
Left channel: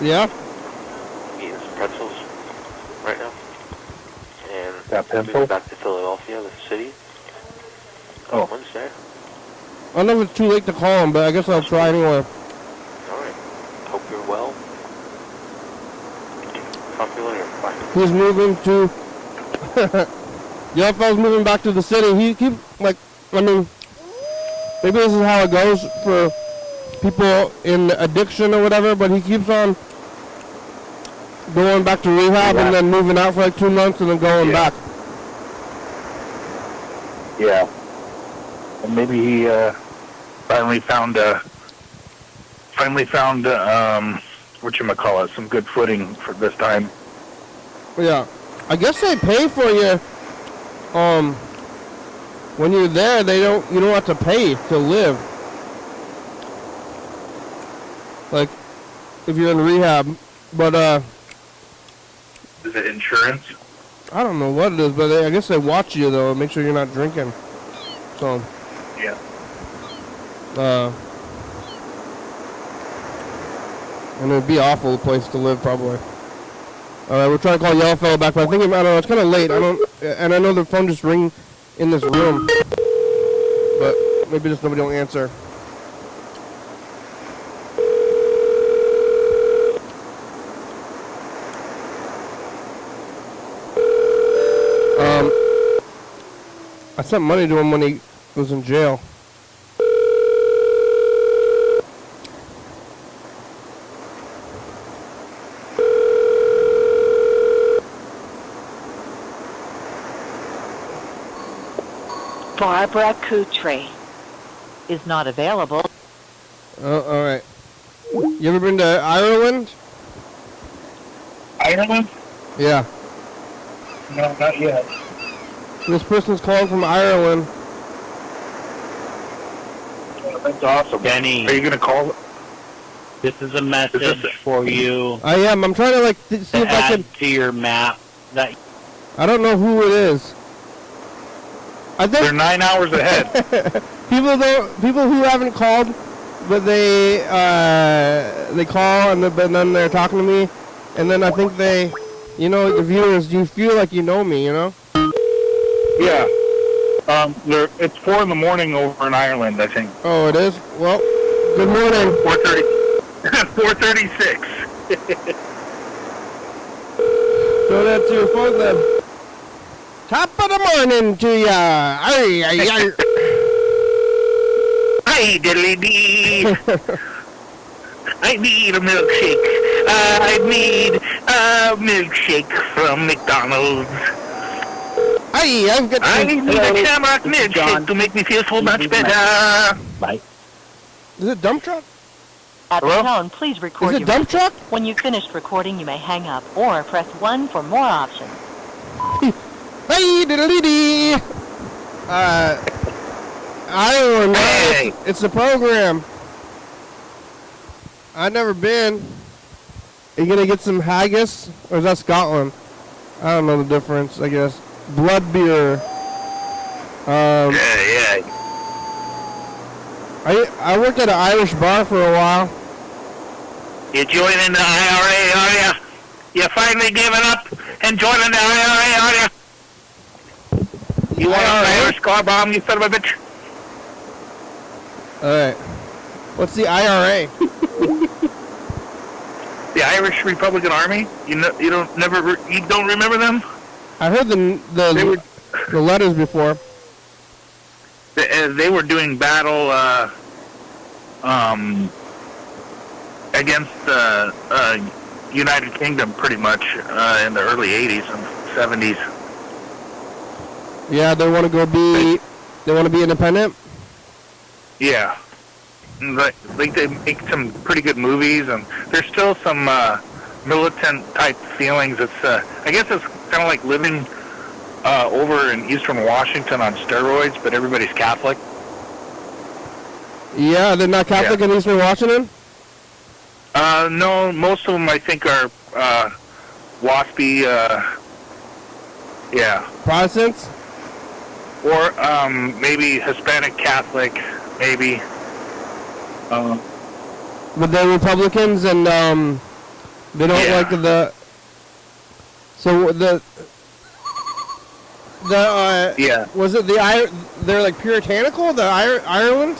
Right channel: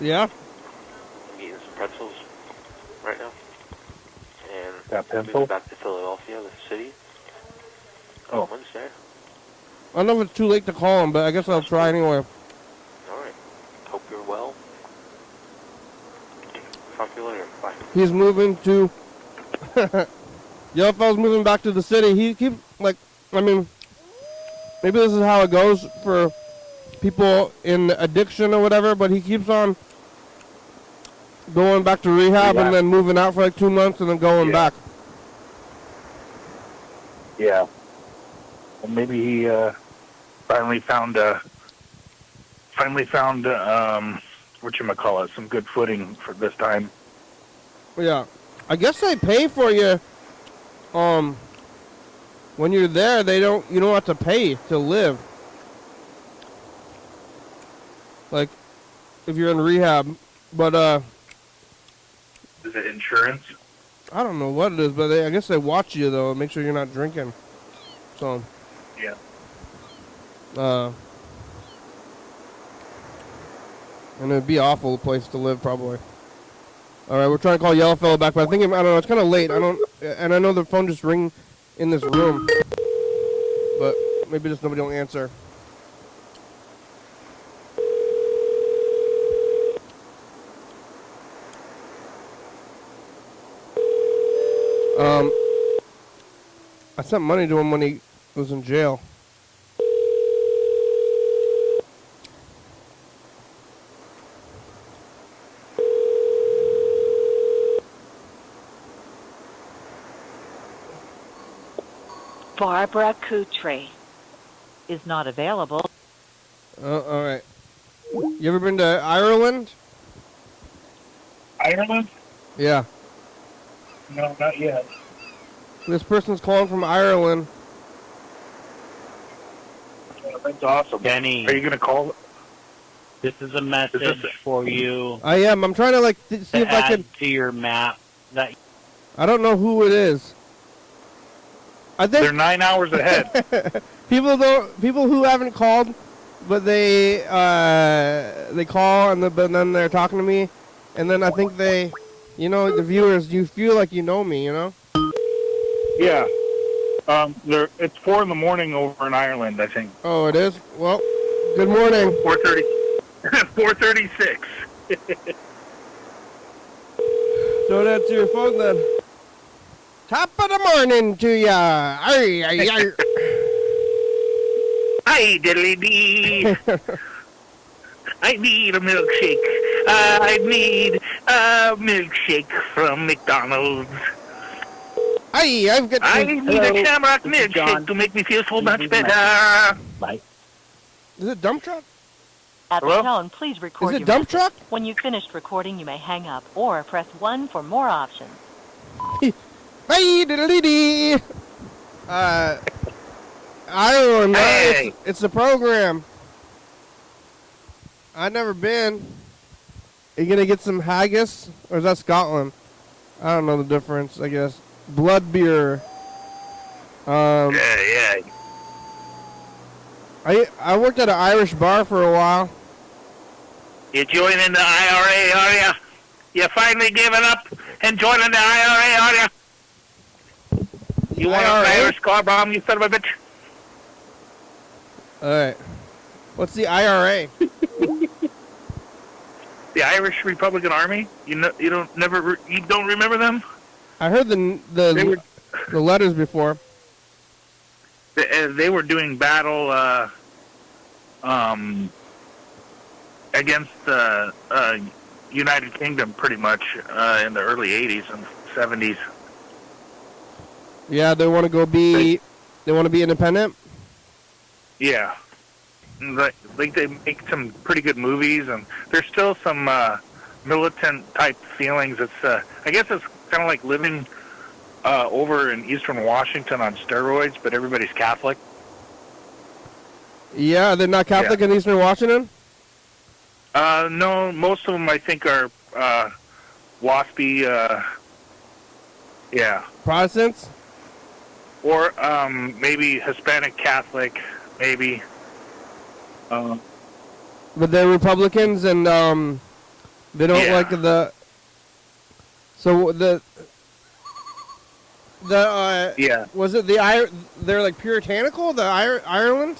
Yeah? I'm eating some pretzels right now. And Got moving pencil? back to Philadelphia, the city. Oh. Wednesday. I don't know if it's too late to call him, but I guess I'll try anyway. Alright. Hope you're well. Talk to you later. Bye. He's moving to... The other fellow's moving back to the city. He keeps, like, I mean... maybe this is how it goes for people in addiction or whatever, but he keeps on going back to rehab and then moving out for like 2 months and then going back. Yeah. And maybe he finally found whatchamacallit, some good footing for this time. Yeah. I guess they pay for you. When you're there, you don't have to pay to live. Like, if you're in rehab. But, Is it insurance? I don't know what it is, but I guess they watch you, though, and make sure you're not drinking. So. Yeah. And it'd be an awful place to live, probably. Alright, we're trying to call Yellowfella back, but I think, I don't know, it's kind of late. And I know the phone just ring in this room. But maybe just nobody will answer. I sent money to him when he was in jail. Barbara Coutre is not available. Oh, alright. You ever been to Ireland? Ireland? Yeah. No, not yet. This person's calling from Ireland. That's awesome. Benny. Are you going to call? This is a message for you. I am. I'm trying to, like, see if I Add can... to your map. That I don't know who it is. I think... They're 9 hours ahead. People who haven't called, but they call and then they're talking to me, and then I think they, the viewers, you feel like you know me, Yeah. It's 4 in the morning over in Ireland, I think. Oh, it is? Well, good morning. 4:30. 4:36. So that's your phone then. Top of the morning to ya. Aye, aye, aye. Hi, diddly dee. I need a milkshake. I need a milkshake from McDonald's. Aye, I've got... I need a Shamrock milkshake to make me feel so much better. Bye. Is it dump truck? At the Hello? tone, please record Is it your dump message. truck? When you've finished recording, you may hang up or press 1 for more options. Hey, diddly dee. I don't know. Hey. It's a program. I've never been. Are you gonna get some haggis? Or is that Scotland? I don't know the difference, I guess. Blood beer. Yeah. I worked at an Irish bar for a while. You joining the IRA, are you? You finally giving up and joining the IRA, are you? You want an Irish car bomb, you son of a bitch? Alright. What's the IRA? The Irish Republican Army? You don't remember them? I heard the letters before. They were doing battle against the United Kingdom pretty much in the early 80s and 70s. Yeah, they want to be independent? Yeah. Like they make some pretty good movies, and there's still some militant type feelings. It's I guess it's kind of like living over in Eastern Washington on steroids, but everybody's Catholic. Yeah, they're not Catholic in Eastern Washington? No, most of them I think are waspy, Protestants? or maybe Hispanic Catholic, maybe. But they're Republicans and they don't like the... So the was it they're like puritanical, the Ireland?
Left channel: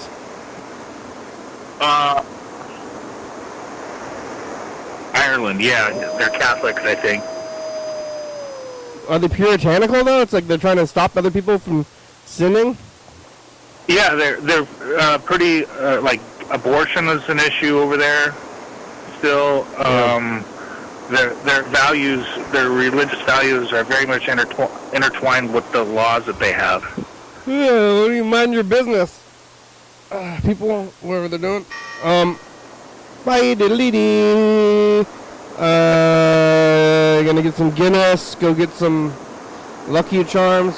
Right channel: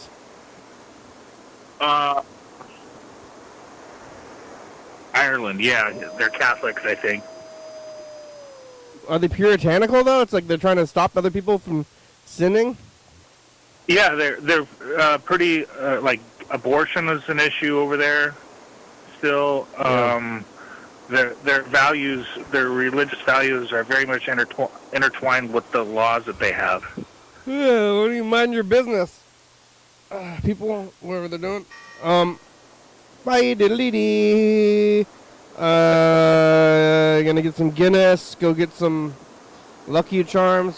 Ireland, yeah, they're Catholics, I think. Are they puritanical though? It's like they're trying to stop other people from sinning? Yeah, they're pretty like abortion is an issue over there. Still, their values, their religious values, are very much intertwined with the laws that they have. Yeah, what do you mind your business? People, whatever they're doing. Bye, diddly-dee. Gonna get some Guinness. Go get some Lucky Charms.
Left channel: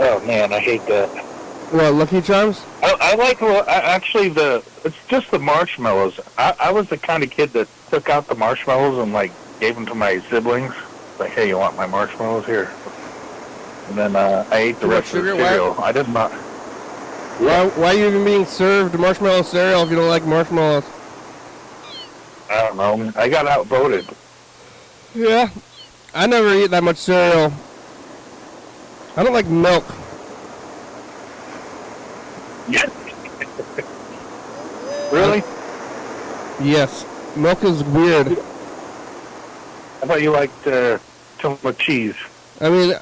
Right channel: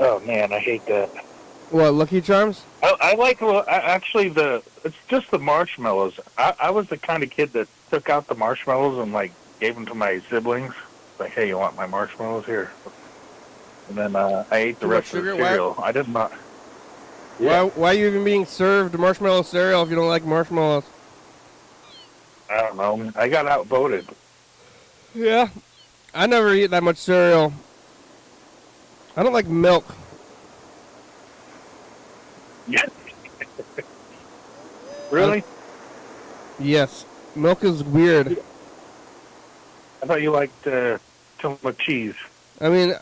Oh man, I hate that. What, Lucky Charms? I like actually it's just the marshmallows. I was the kind of kid that took out the marshmallows and like gave them to my siblings. Like, hey, you want my marshmallows here? And then I ate the rest of the cereal. I did not. Why are you even being served marshmallow cereal if you don't like marshmallows? I don't know. I got outvoted. Yeah, I never eat that much cereal. I don't like milk. Yeah. Really? Yes, milk is weird. I thought you liked too much cheese. I mean,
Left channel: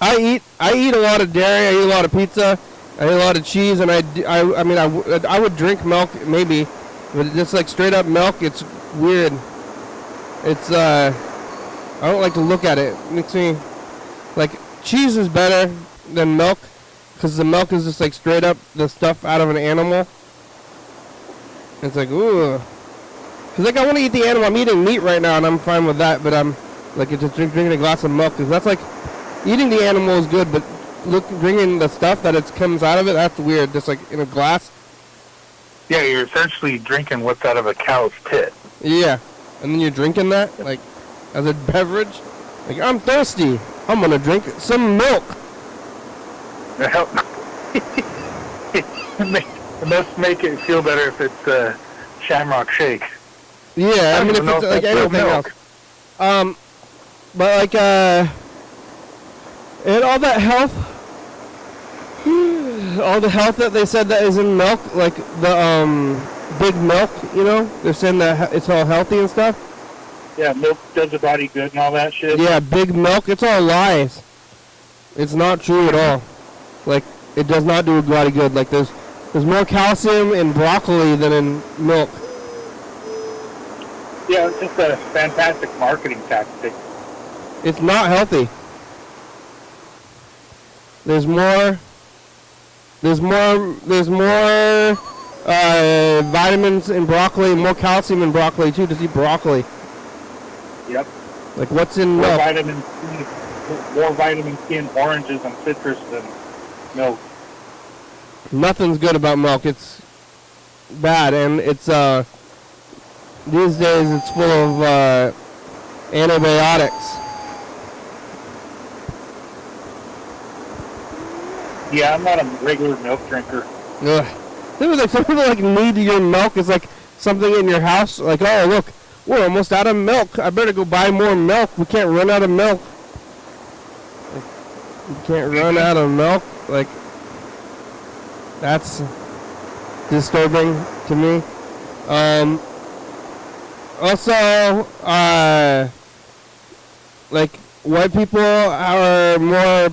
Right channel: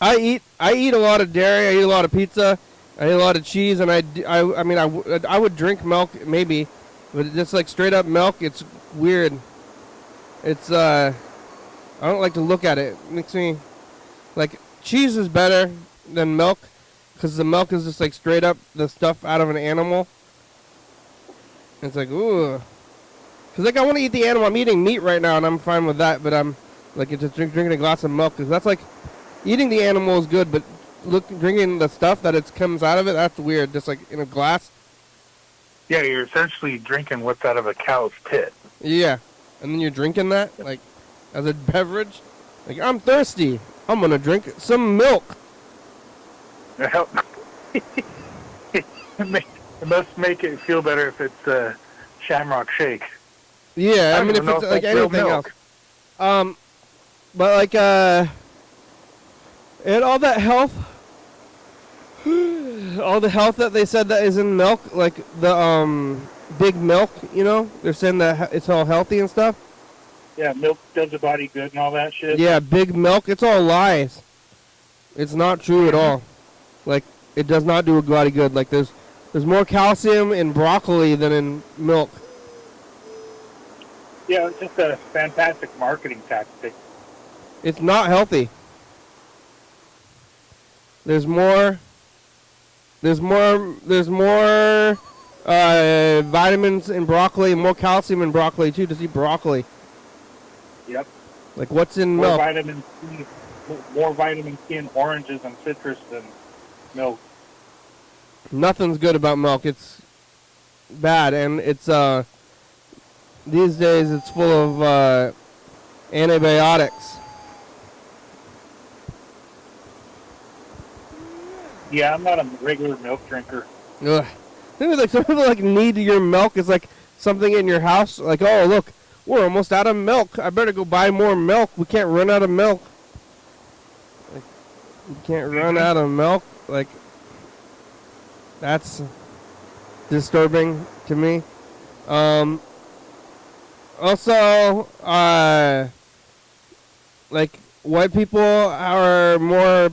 I eat a lot of dairy. I eat a lot of pizza. I eat a lot of cheese, and I would drink milk maybe, but just like straight up milk, it's weird. It's I don't like to look at it. It makes me like cheese is better than milk because the milk is just like straight up the stuff out of an animal. It's like ooh, because like I want to eat the animal. I'm eating meat right now, and I'm fine with that. But I'm like just drinking a glass of milk because that's like eating the animal is good, but drinking the stuff that it comes out of it, that's weird. Just like in a glass. Yeah, you're essentially drinking what's out of a cow's tit. Yeah, and then you're drinking that like as a beverage. Like I'm thirsty. I'm gonna drink some milk. It must make it feel better if it's Shamrock Shake. Yeah, I mean if it's like anything else. But like and all that health, all the health that they said that is in milk, like the big milk, you know, they're saying that it's all healthy and stuff. Yeah, milk does the body good and all that shit. Yeah, big milk, it's all lies. It's not true at all. Like it does not do the body good. Like there's more calcium in broccoli than in milk. Yeah, it's just a fantastic marketing tactic. It's not healthy. There's more vitamins in broccoli and more calcium in broccoli too. Just eat broccoli. Yep. Like what's in milk? More vitamin C in oranges and citrus than milk. Nothing's good about milk. It's bad, and it's these days it's full of antibiotics. Yeah, I'm not a regular milk drinker. Ugh. There's like something like need your milk is like something in your house. Like, oh look, we're almost out of milk. I better go buy more milk. We can't run out of milk. We can't run out of milk. Like, that's disturbing to me. Also, like white people have more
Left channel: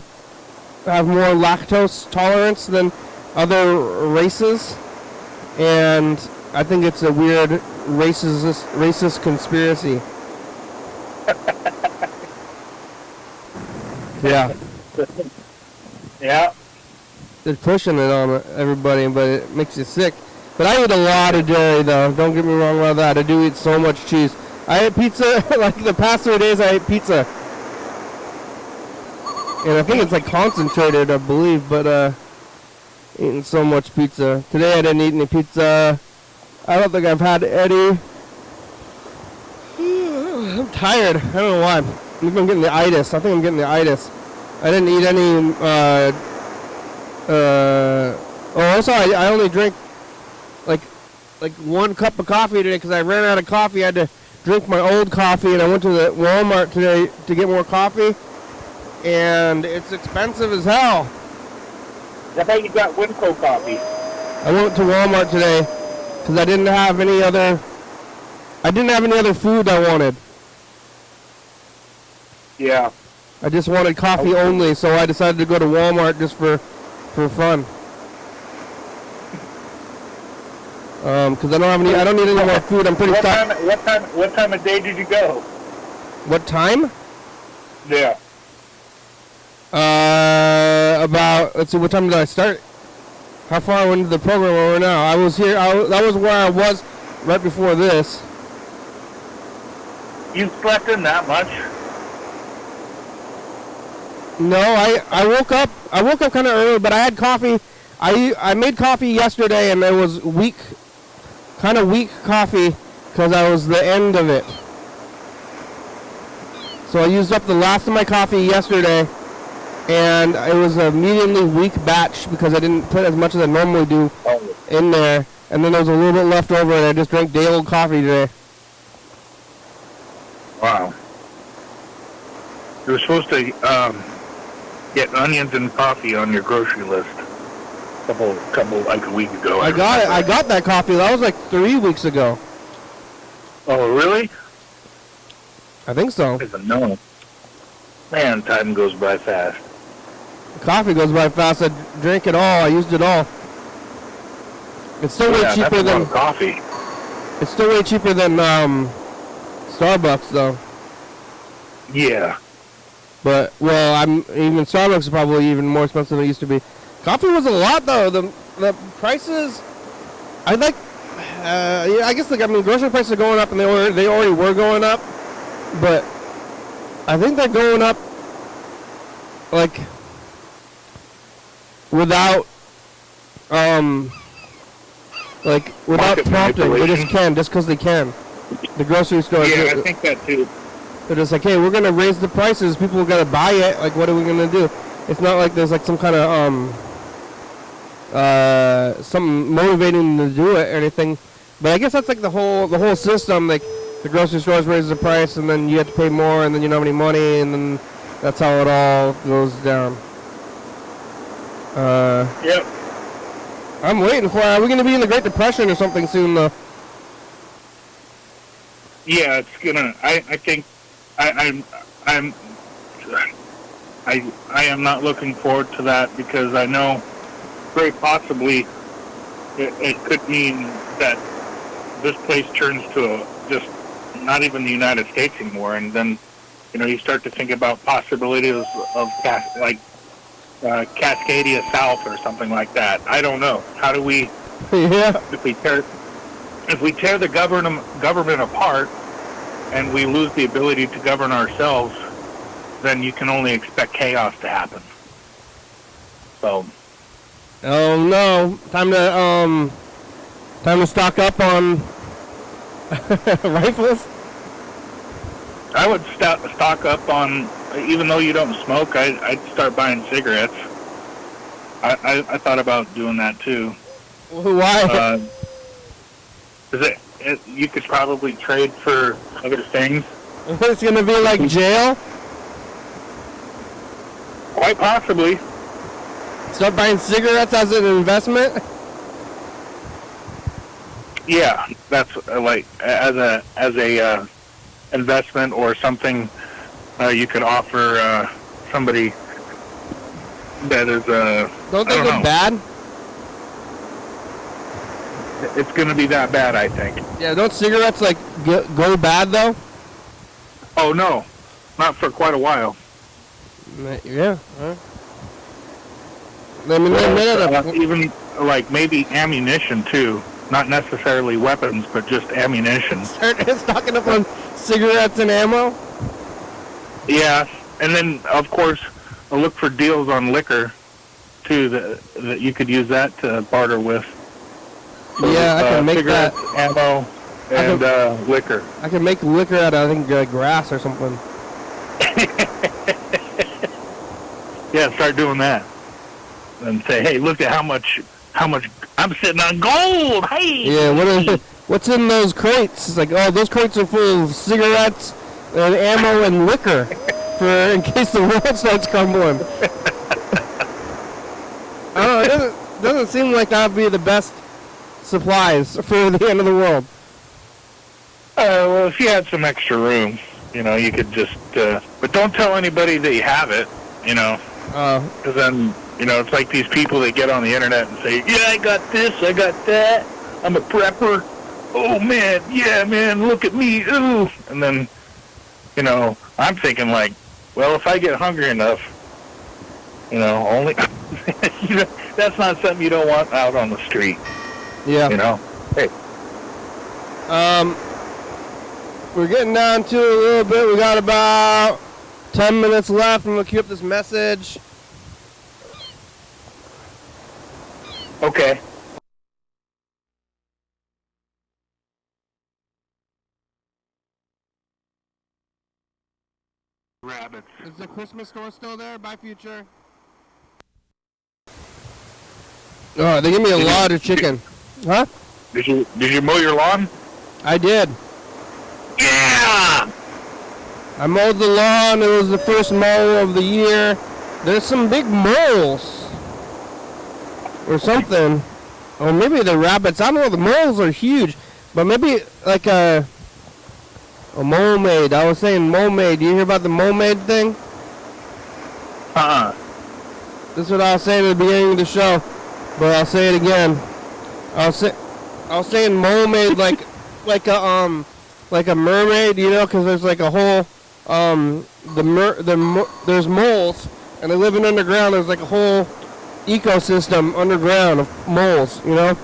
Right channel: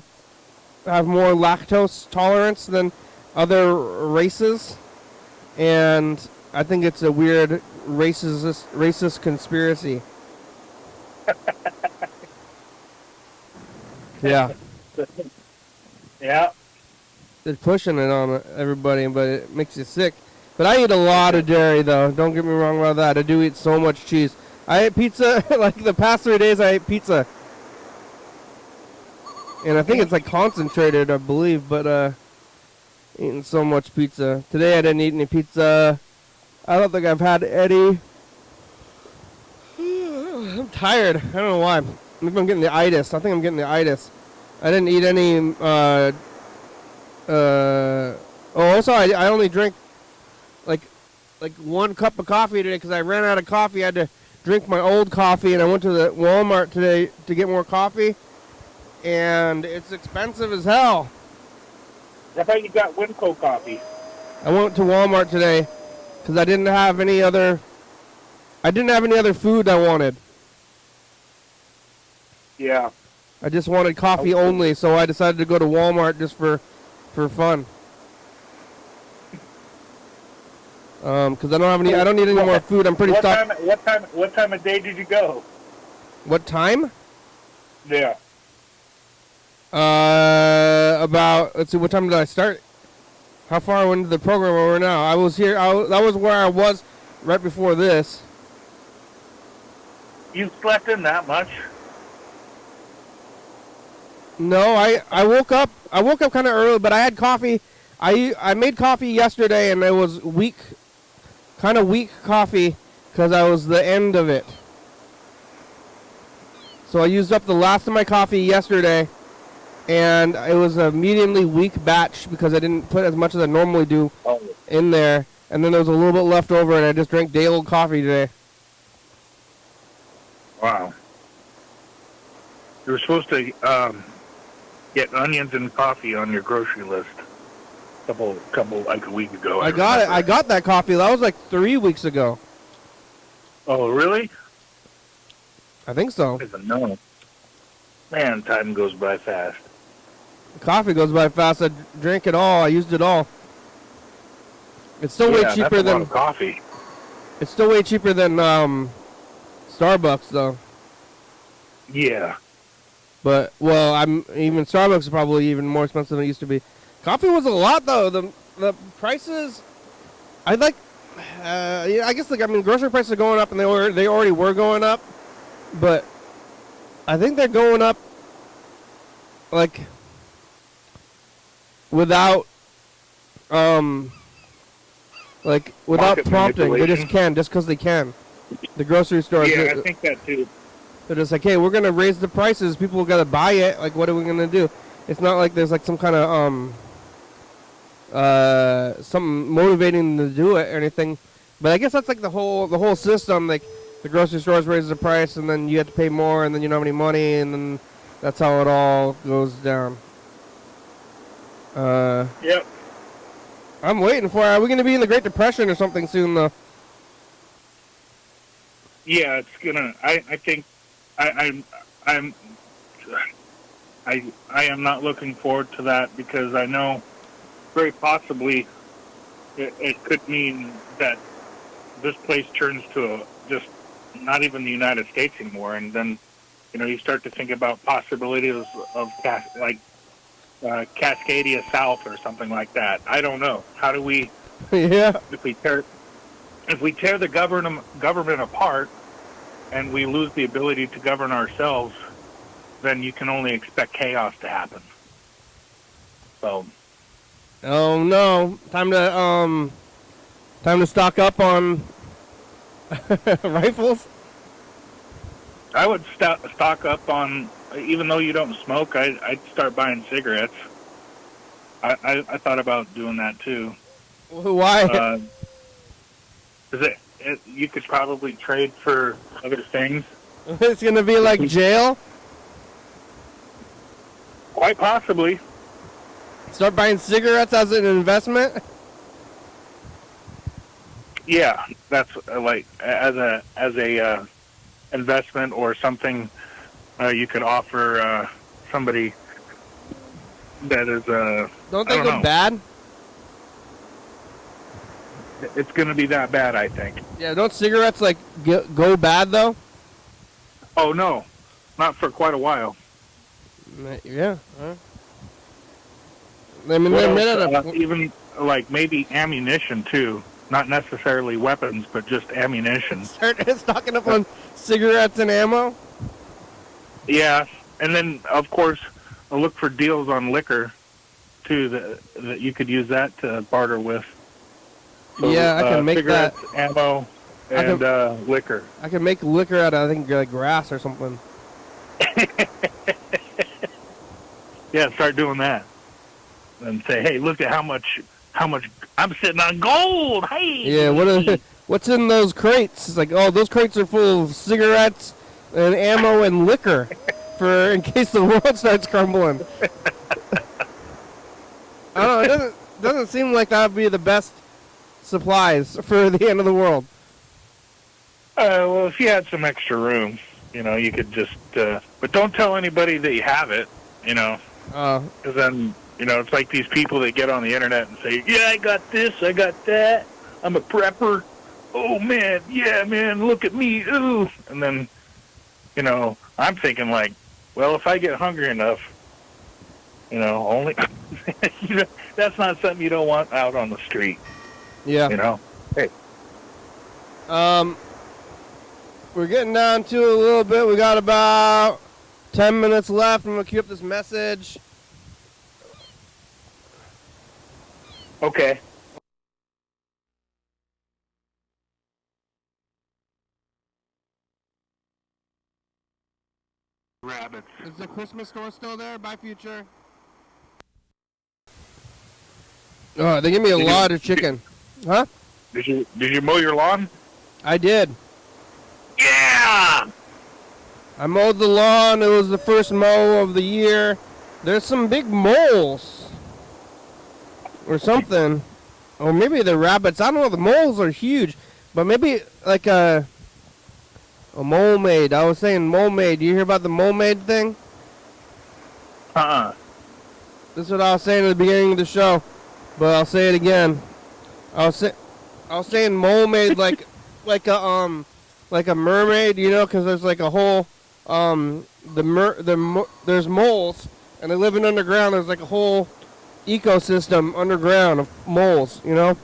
lactose tolerance than other races, and I think it's a weird racist conspiracy. Yeah. Yeah. They're pushing it on everybody, but it makes you sick. But I eat a lot of dairy, though. Don't get me wrong about that. I do eat so much cheese. I ate pizza, like the past 3 days I ate pizza. And I think it's like concentrated, I believe, but eating so much pizza. Today I didn't eat any pizza. I don't think I've had any. I'm tired. I don't know why. I'm getting the itis. I think I'm getting the itis. I didn't eat any, also I only drink like 1 cup of coffee today because I ran out of coffee. I had to drink my old coffee, and I went to the Walmart today to get more coffee, and it's expensive as hell. I thought you got Winco coffee. I went to Walmart today because I didn't have any other food I wanted. Yeah. I just wanted coffee only, so I decided to go to Walmart just for fun. Because I don't need any more food. I'm pretty stocked. What time of day did you go? What time? Yeah. About, let's see, what time did I start? How far into the program are we now? I was here, that was where I was right before this. You slept in that much? No, I woke up kind of early, but I had coffee. I made coffee yesterday, and it was kind of weak coffee, because I was the end of it. So I used up the last of my coffee yesterday, and it was a mediumly weak batch because I didn't put as much as I normally do in there. And then there was a little bit left over, and I just drank day old coffee today. Wow. You were supposed to get onions and coffee on your grocery list. Couple like a week ago. I got that coffee. That was like 3 weeks ago. Oh, really? I think so. No. Man, time goes by fast. Coffee goes by fast. I drink it all. I used it all. It's still way cheaper that's a lot than of coffee. It's still way cheaper than Starbucks though. Yeah. But even Starbucks is probably even more expensive than it used to be. Coffee was a lot though. The prices, I think. Yeah, I guess grocery prices are going up, and they already were going up. But I think they're going up like without prompting. They just can, just because they can. The grocery store. Yeah, I think that too. They're just like, hey, we're gonna raise the prices. People are gonna buy it. Like, what are we gonna do? It's not like there's like some kind of something motivating them to do it or anything. But I guess that's like the whole system. Like, the grocery stores raises the price, and then you have to pay more, and then you don't have any money, and then that's how it all goes down. Yep. I'm waiting for. Are we gonna be in the Great Depression or something soon, though? Yeah, it's gonna. I think. I am not looking forward to that, because I know very possibly it could mean that this place turns to just not even the United States anymore, and then you start to think about possibilities of Cascadia South or something like that. I don't know. How do we? Yeah. If we tear the government apart, and we lose the ability to govern ourselves, then you can only expect chaos to happen. So. Oh no! Time to stock up on rifles. I would stock up on, even though you don't smoke, I'd start buying cigarettes. I thought about doing that too. Why? You could probably trade for other things. It's gonna be like jail? Quite possibly. Start buying cigarettes as an investment? Yeah, that's like as a investment or something you could offer somebody that is Don't they go bad? It's going to be that bad, I think. Yeah, don't cigarettes like go bad though? Oh no, not for quite a while. Yeah. I mean, even like maybe ammunition too. Not necessarily weapons, but just ammunition. Start stocking up on cigarettes and ammo? Yeah, and then of course I'll look for deals on liquor too. That you could use that to barter with. Yeah, I can make that. Ammo and liquor. I can make liquor out of, I think, grass or something. Yeah, start doing that. And say, hey, look at how much I'm sitting on gold. Hey. Yeah, what's in those crates? It's like, oh, those crates are full of cigarettes and ammo and liquor for in case the world starts crumbling. I don't know, it doesn't seem like that would be the best supplies for the end of the world. Well, if you had some extra room, you could just, but don't tell anybody that you have it, because then, it's like these people that get on the internet and say, yeah, I got this, I got that. I'm a prepper. Oh, man, yeah, man, look at me, ooh. And then, you know, I'm thinking like, well, if I get hungry enough, you know, only, you know, that's not something you don't want out on the street. Yeah. You know? Hey. We're getting down to it a little bit. We got about 10 minutes left. I'm going to queue up this message. Okay. Rabbits. Is the Christmas store still there? Bye, Future. Oh, they give me a lot of chicken. Huh? Did you mow your lawn? I did. Yeah! I mowed the lawn. It was the first mow of the year. There's some big moles. Or something. Or maybe the rabbits. I don't know. The moles are huge. But maybe like a Molemaid. I was saying Molemaid. You hear about the Molemaid thing? This is what I was saying at the beginning of the show. But I'll say it again. I was saying Molemaid like a mermaid, you know, because there's like a whole there's moles and they live in underground. There's like a whole ecosystem underground of moles, you know.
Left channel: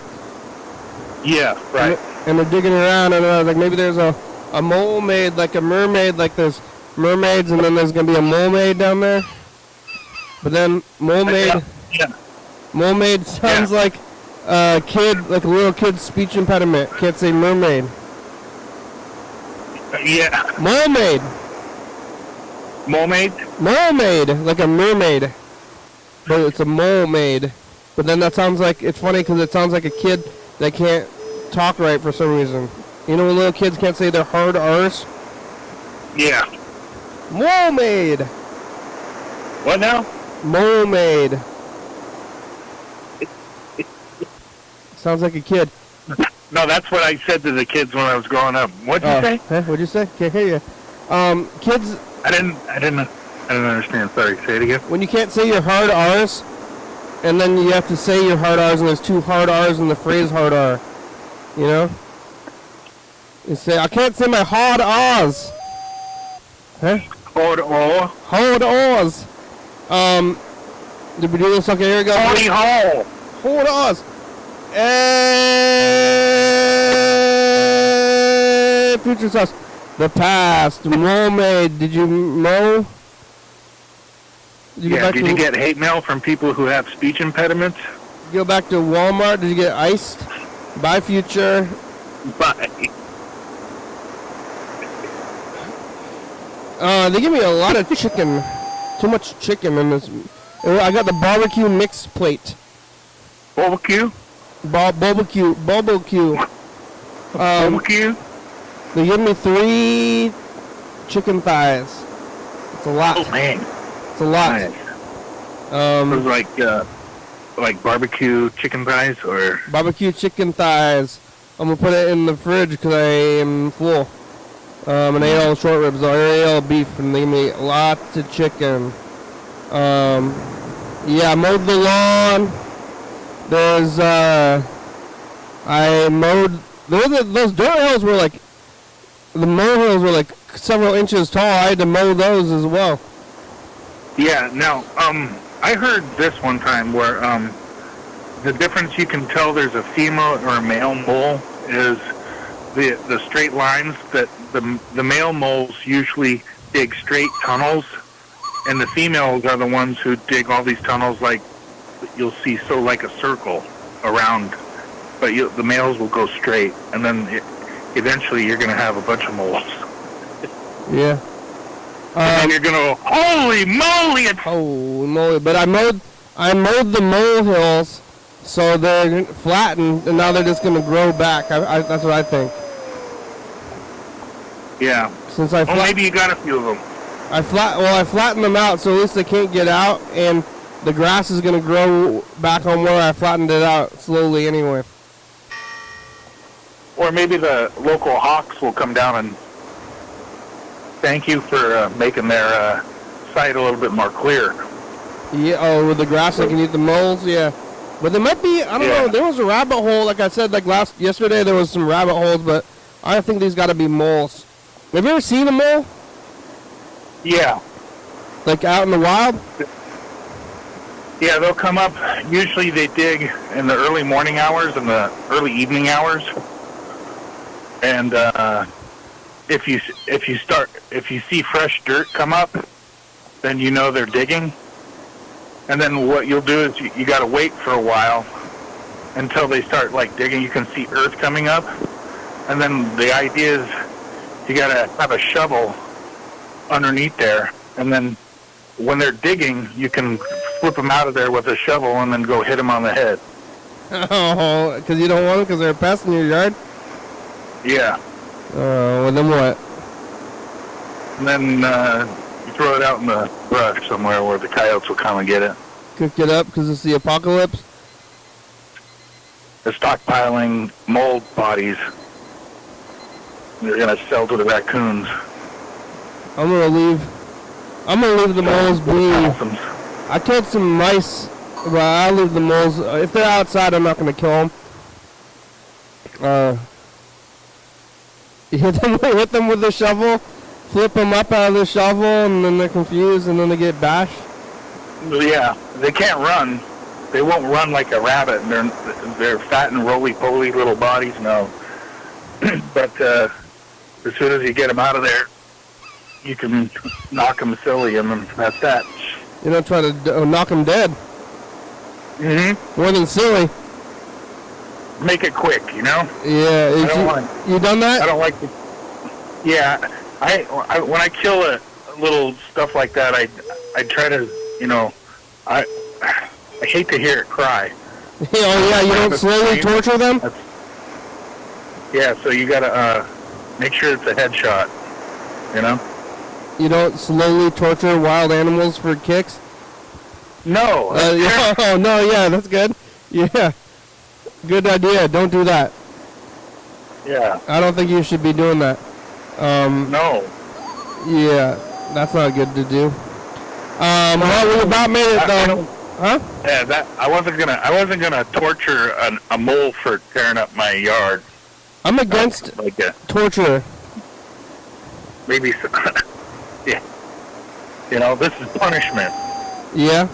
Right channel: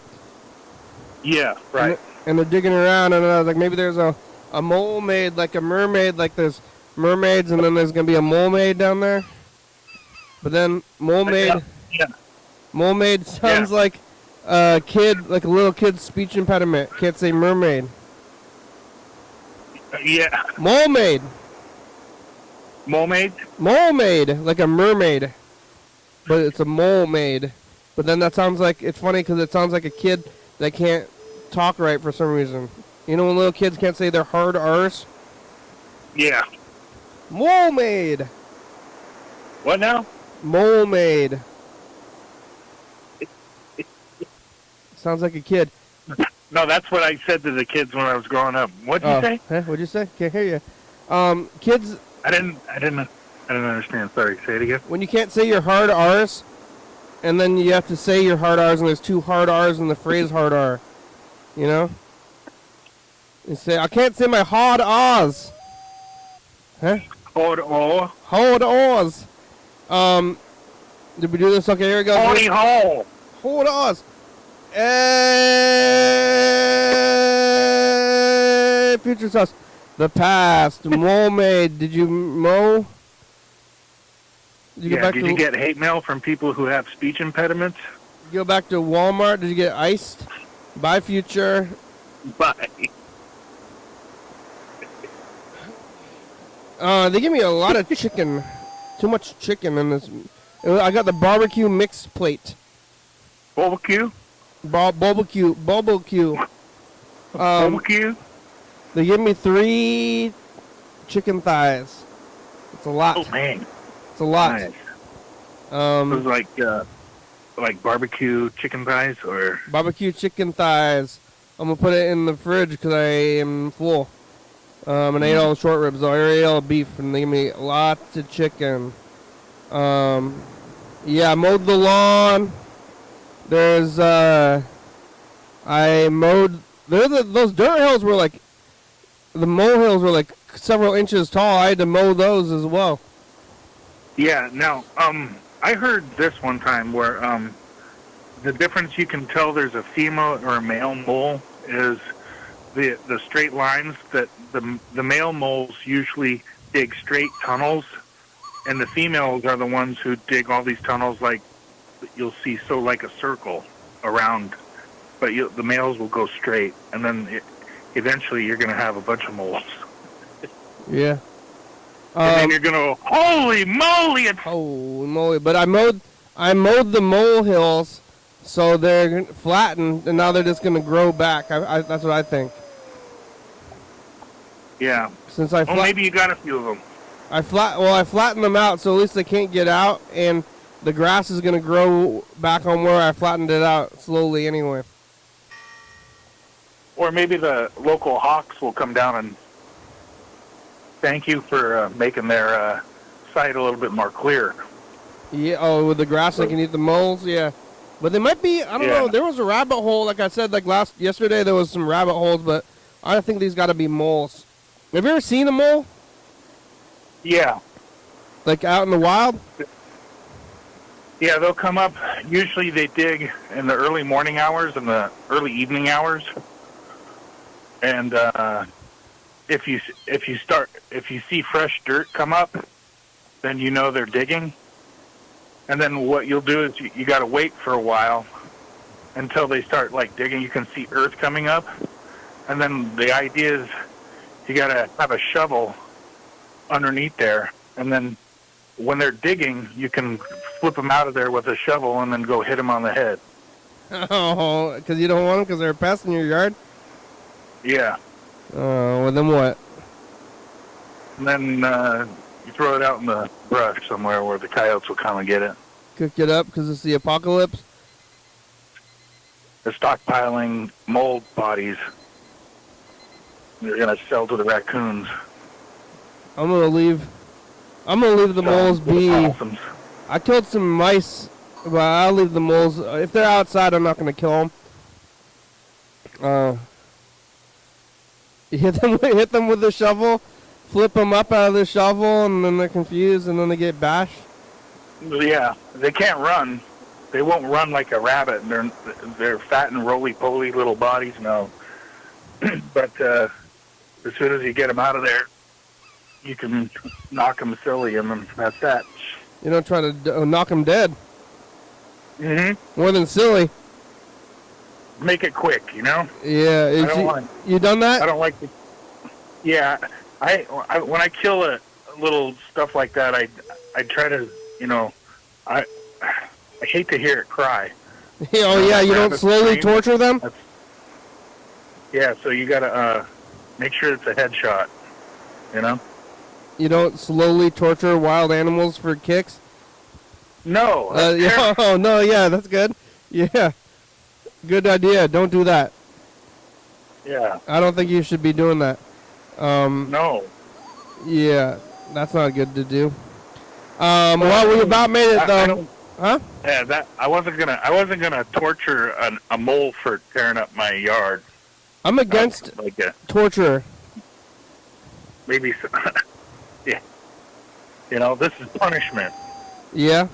Yeah, right. And they're digging around, and like maybe there's a Molemaid, like a mermaid, like there's mermaids, and then there's gonna be a Molemaid down there. But then Molemaid. Yeah. Molemaid sounds like a kid, like a little kid's speech impediment. Can't say mermaid. Yeah. Molemaid. Molemaid? Molemaid, like a mermaid. But it's a Molemaid. But then that sounds like, it's funny because it sounds like a kid that can't talk right for some reason. You know when little kids can't say their hard R's? Yeah. Molemaid. What now? Molemaid. Sounds like a kid. No, that's what I said to the kids when I was growing up. What'd you say? Hey, what'd you say? Can't hear you. Kids. I didn't understand. Sorry. Say it again. When you can't say your hard R's, and then you have to say your hard R's, and there's two hard R's in the phrase hard R. You know? You say, I can't say my hard R's. Huh? Hard R. Hard R's. Did we do this? Okay, here we go. Howdy ho. Hard R's. And future sauce. The past. Molemaid. Did you mow? Did you Did you get hate mail from people who have speech impediments? Go back to Walmart. Did you get iced? Bye, Future. Bye. They give me a lot of chicken. Too much chicken in this. I got the barbecue mix plate. Barbecue? Barbecue. Barbecue? They give me 3 chicken thighs. It's a lot. Oh, man. It's a lot. Nice. It was like barbecue chicken thighs or? Barbecue chicken thighs. I'm going to put it in the fridge because I am full. And I ate all the short ribs. I ate all the beef, and they give me lots of chicken. Yeah, I mowed the lawn. There's, I mowed, those dirt hills were like, the molehills were like several inches tall. I had to mow those as well. Yeah, now, I heard this one time where, the difference you can tell there's a female or a male mole is the straight lines that the male moles usually dig straight tunnels, and the females are the ones who dig all these tunnels like you'll see, so like a circle around, but the males will go straight, and then eventually you're going to have a bunch of moles. Yeah. And then you're going to go, holy moly! Holy moly! But I mowed the molehills, so they're flattened, and now they're just going to grow back. That's what I think. Yeah. Since maybe you got a few of them. I flattened them out, so at least they can't get out, and the grass is going to grow back on where I flattened it out slowly anyway. Or maybe the local hawks will come down and thank you for making their site a little bit more clear. Yeah, with the grass, they can eat the moles, yeah. But there might be, I don't know, there was a rabbit hole, like I said, like yesterday there was some rabbit holes, but I think these gotta be moles. Have you ever seen a mole? Yeah. Like out in the wild? Yeah, they'll come up. Usually they dig in the early morning hours and the early evening hours. And if you see fresh dirt come up, then you know they're digging. And then what you'll do is you got to wait for a while until they start like digging. You can see earth coming up, and then the idea is you got to have a shovel underneath there, and then when they're digging, you can flip them out of there with a shovel and then go hit them on the head. Oh, because you don't want them because they're a pest in your yard? Yeah. Well, then what? And then you throw it out in the brush somewhere where the coyotes will come and get it. Cook it up because it's the apocalypse? They're stockpiling mold bodies. They're going to sell to the raccoons. I'm gonna leave the moles be. Possums. I killed some mice, but I'll leave the moles. If they're outside, I'm not gonna kill them. You hit them with the shovel, flip them up out of the shovel, and then they're confused, and then they get bashed. Yeah, they can't run. They won't run like a rabbit. They're fat and roly-poly little bodies. No, but as soon as you get them out of there, you can knock them silly, and then that's that. You're not trying to knock them dead. Mm-hmm. More than silly. Make it quick, you know? Yeah. You done that? I don't like to... Yeah. I when I kill a little stuff like that, I try to, you know... I hate to hear it cry. Oh, yeah, you don't slowly torture them? Yeah, so you gotta make sure it's a headshot, you know? You don't slowly torture wild animals for kicks? No. Oh, no, yeah, that's good. Yeah. Good idea. Don't do that. Yeah. I don't think you should be doing that. No. Yeah, that's not good to do. Well, we about made it though. Huh? Yeah, I wasn't gonna torture a mole for tearing up my yard. I'm against like torture. Maybe. Yeah. You know, this is punishment. Yeah.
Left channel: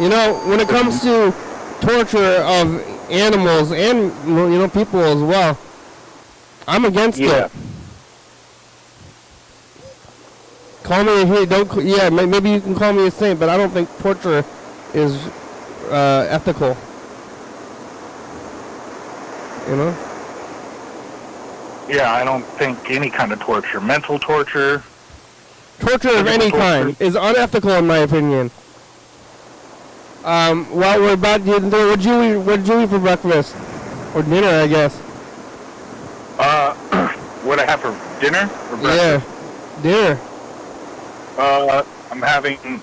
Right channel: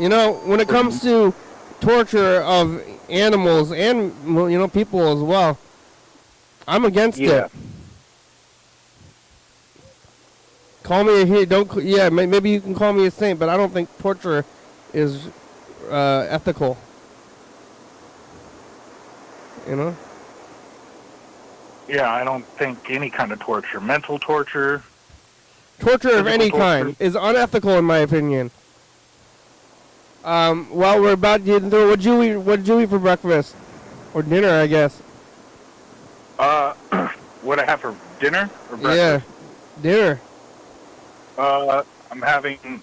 You know, when it comes to torture of animals and, you know, people as well, I'm against it. Call me here, maybe you can call me a saint, but I don't think torture is ethical. You know? Yeah, I don't think any kind of torture, mental torture. Torture of any kind is unethical in my opinion. While we're about to what'd you eat for breakfast? Or dinner, I guess. What I have for dinner or breakfast? Yeah, dinner. I'm having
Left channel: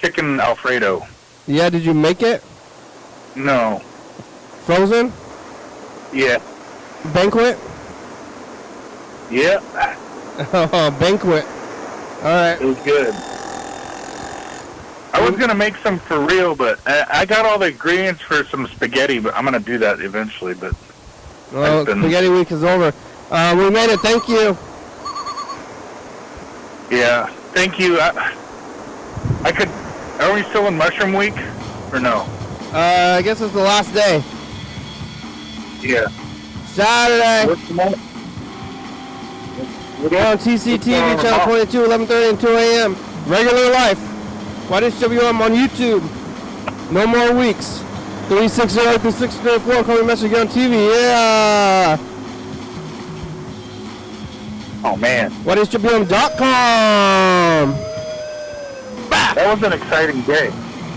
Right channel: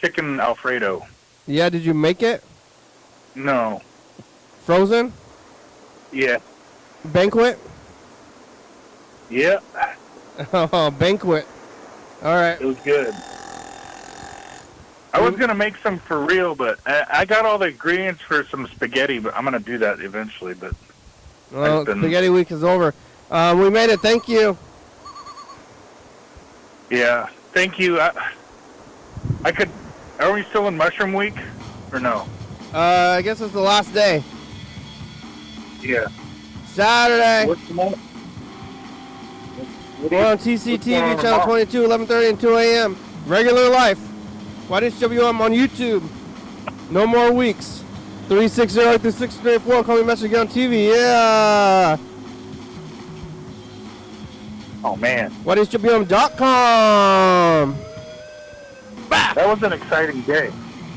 chicken Alfredo. Yeah, did you make it? No. Frozen? Yeah. Banquet? Yeah. Oh, banquet. Alright. It was good. I was going to make some for real, but I got all the ingredients for some spaghetti, but I'm going to do that eventually. But well, spaghetti week is over. We made it. Thank you. Yeah. Thank you. I could... Are we still in Mushroom Week? Or no? I guess it's the last day. Yeah. Saturday. We're on TCTV, channel 22, 11:30 and 2 a.m. Regular life. YDHWM on YouTube. No more weeks. 360-634. Call me message on TV. Yeah. Oh, man. YDHWM.com. That was an exciting day.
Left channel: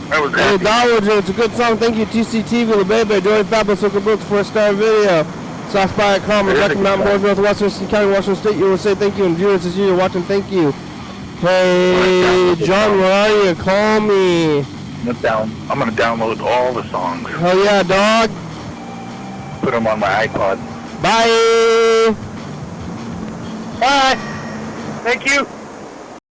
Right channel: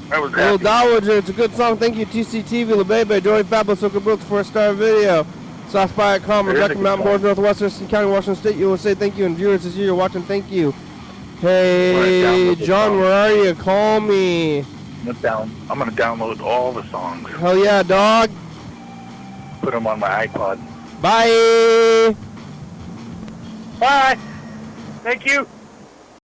That was Hey, great. Dowager, it's a good song. Thank you, TCTV, La Bebe, Joey Pablo, Soka Brooks, 4-star video. South by Common, Rocky Mountain Boys, Northwest Thurston County, Washington State. You will say thank you, and viewers this year you're watching, thank you. Hey, John, where are you? Call me. I'm gonna download all the songs. Hell yeah, dog. Put them on my iPod. Bye. Bye. Thank you.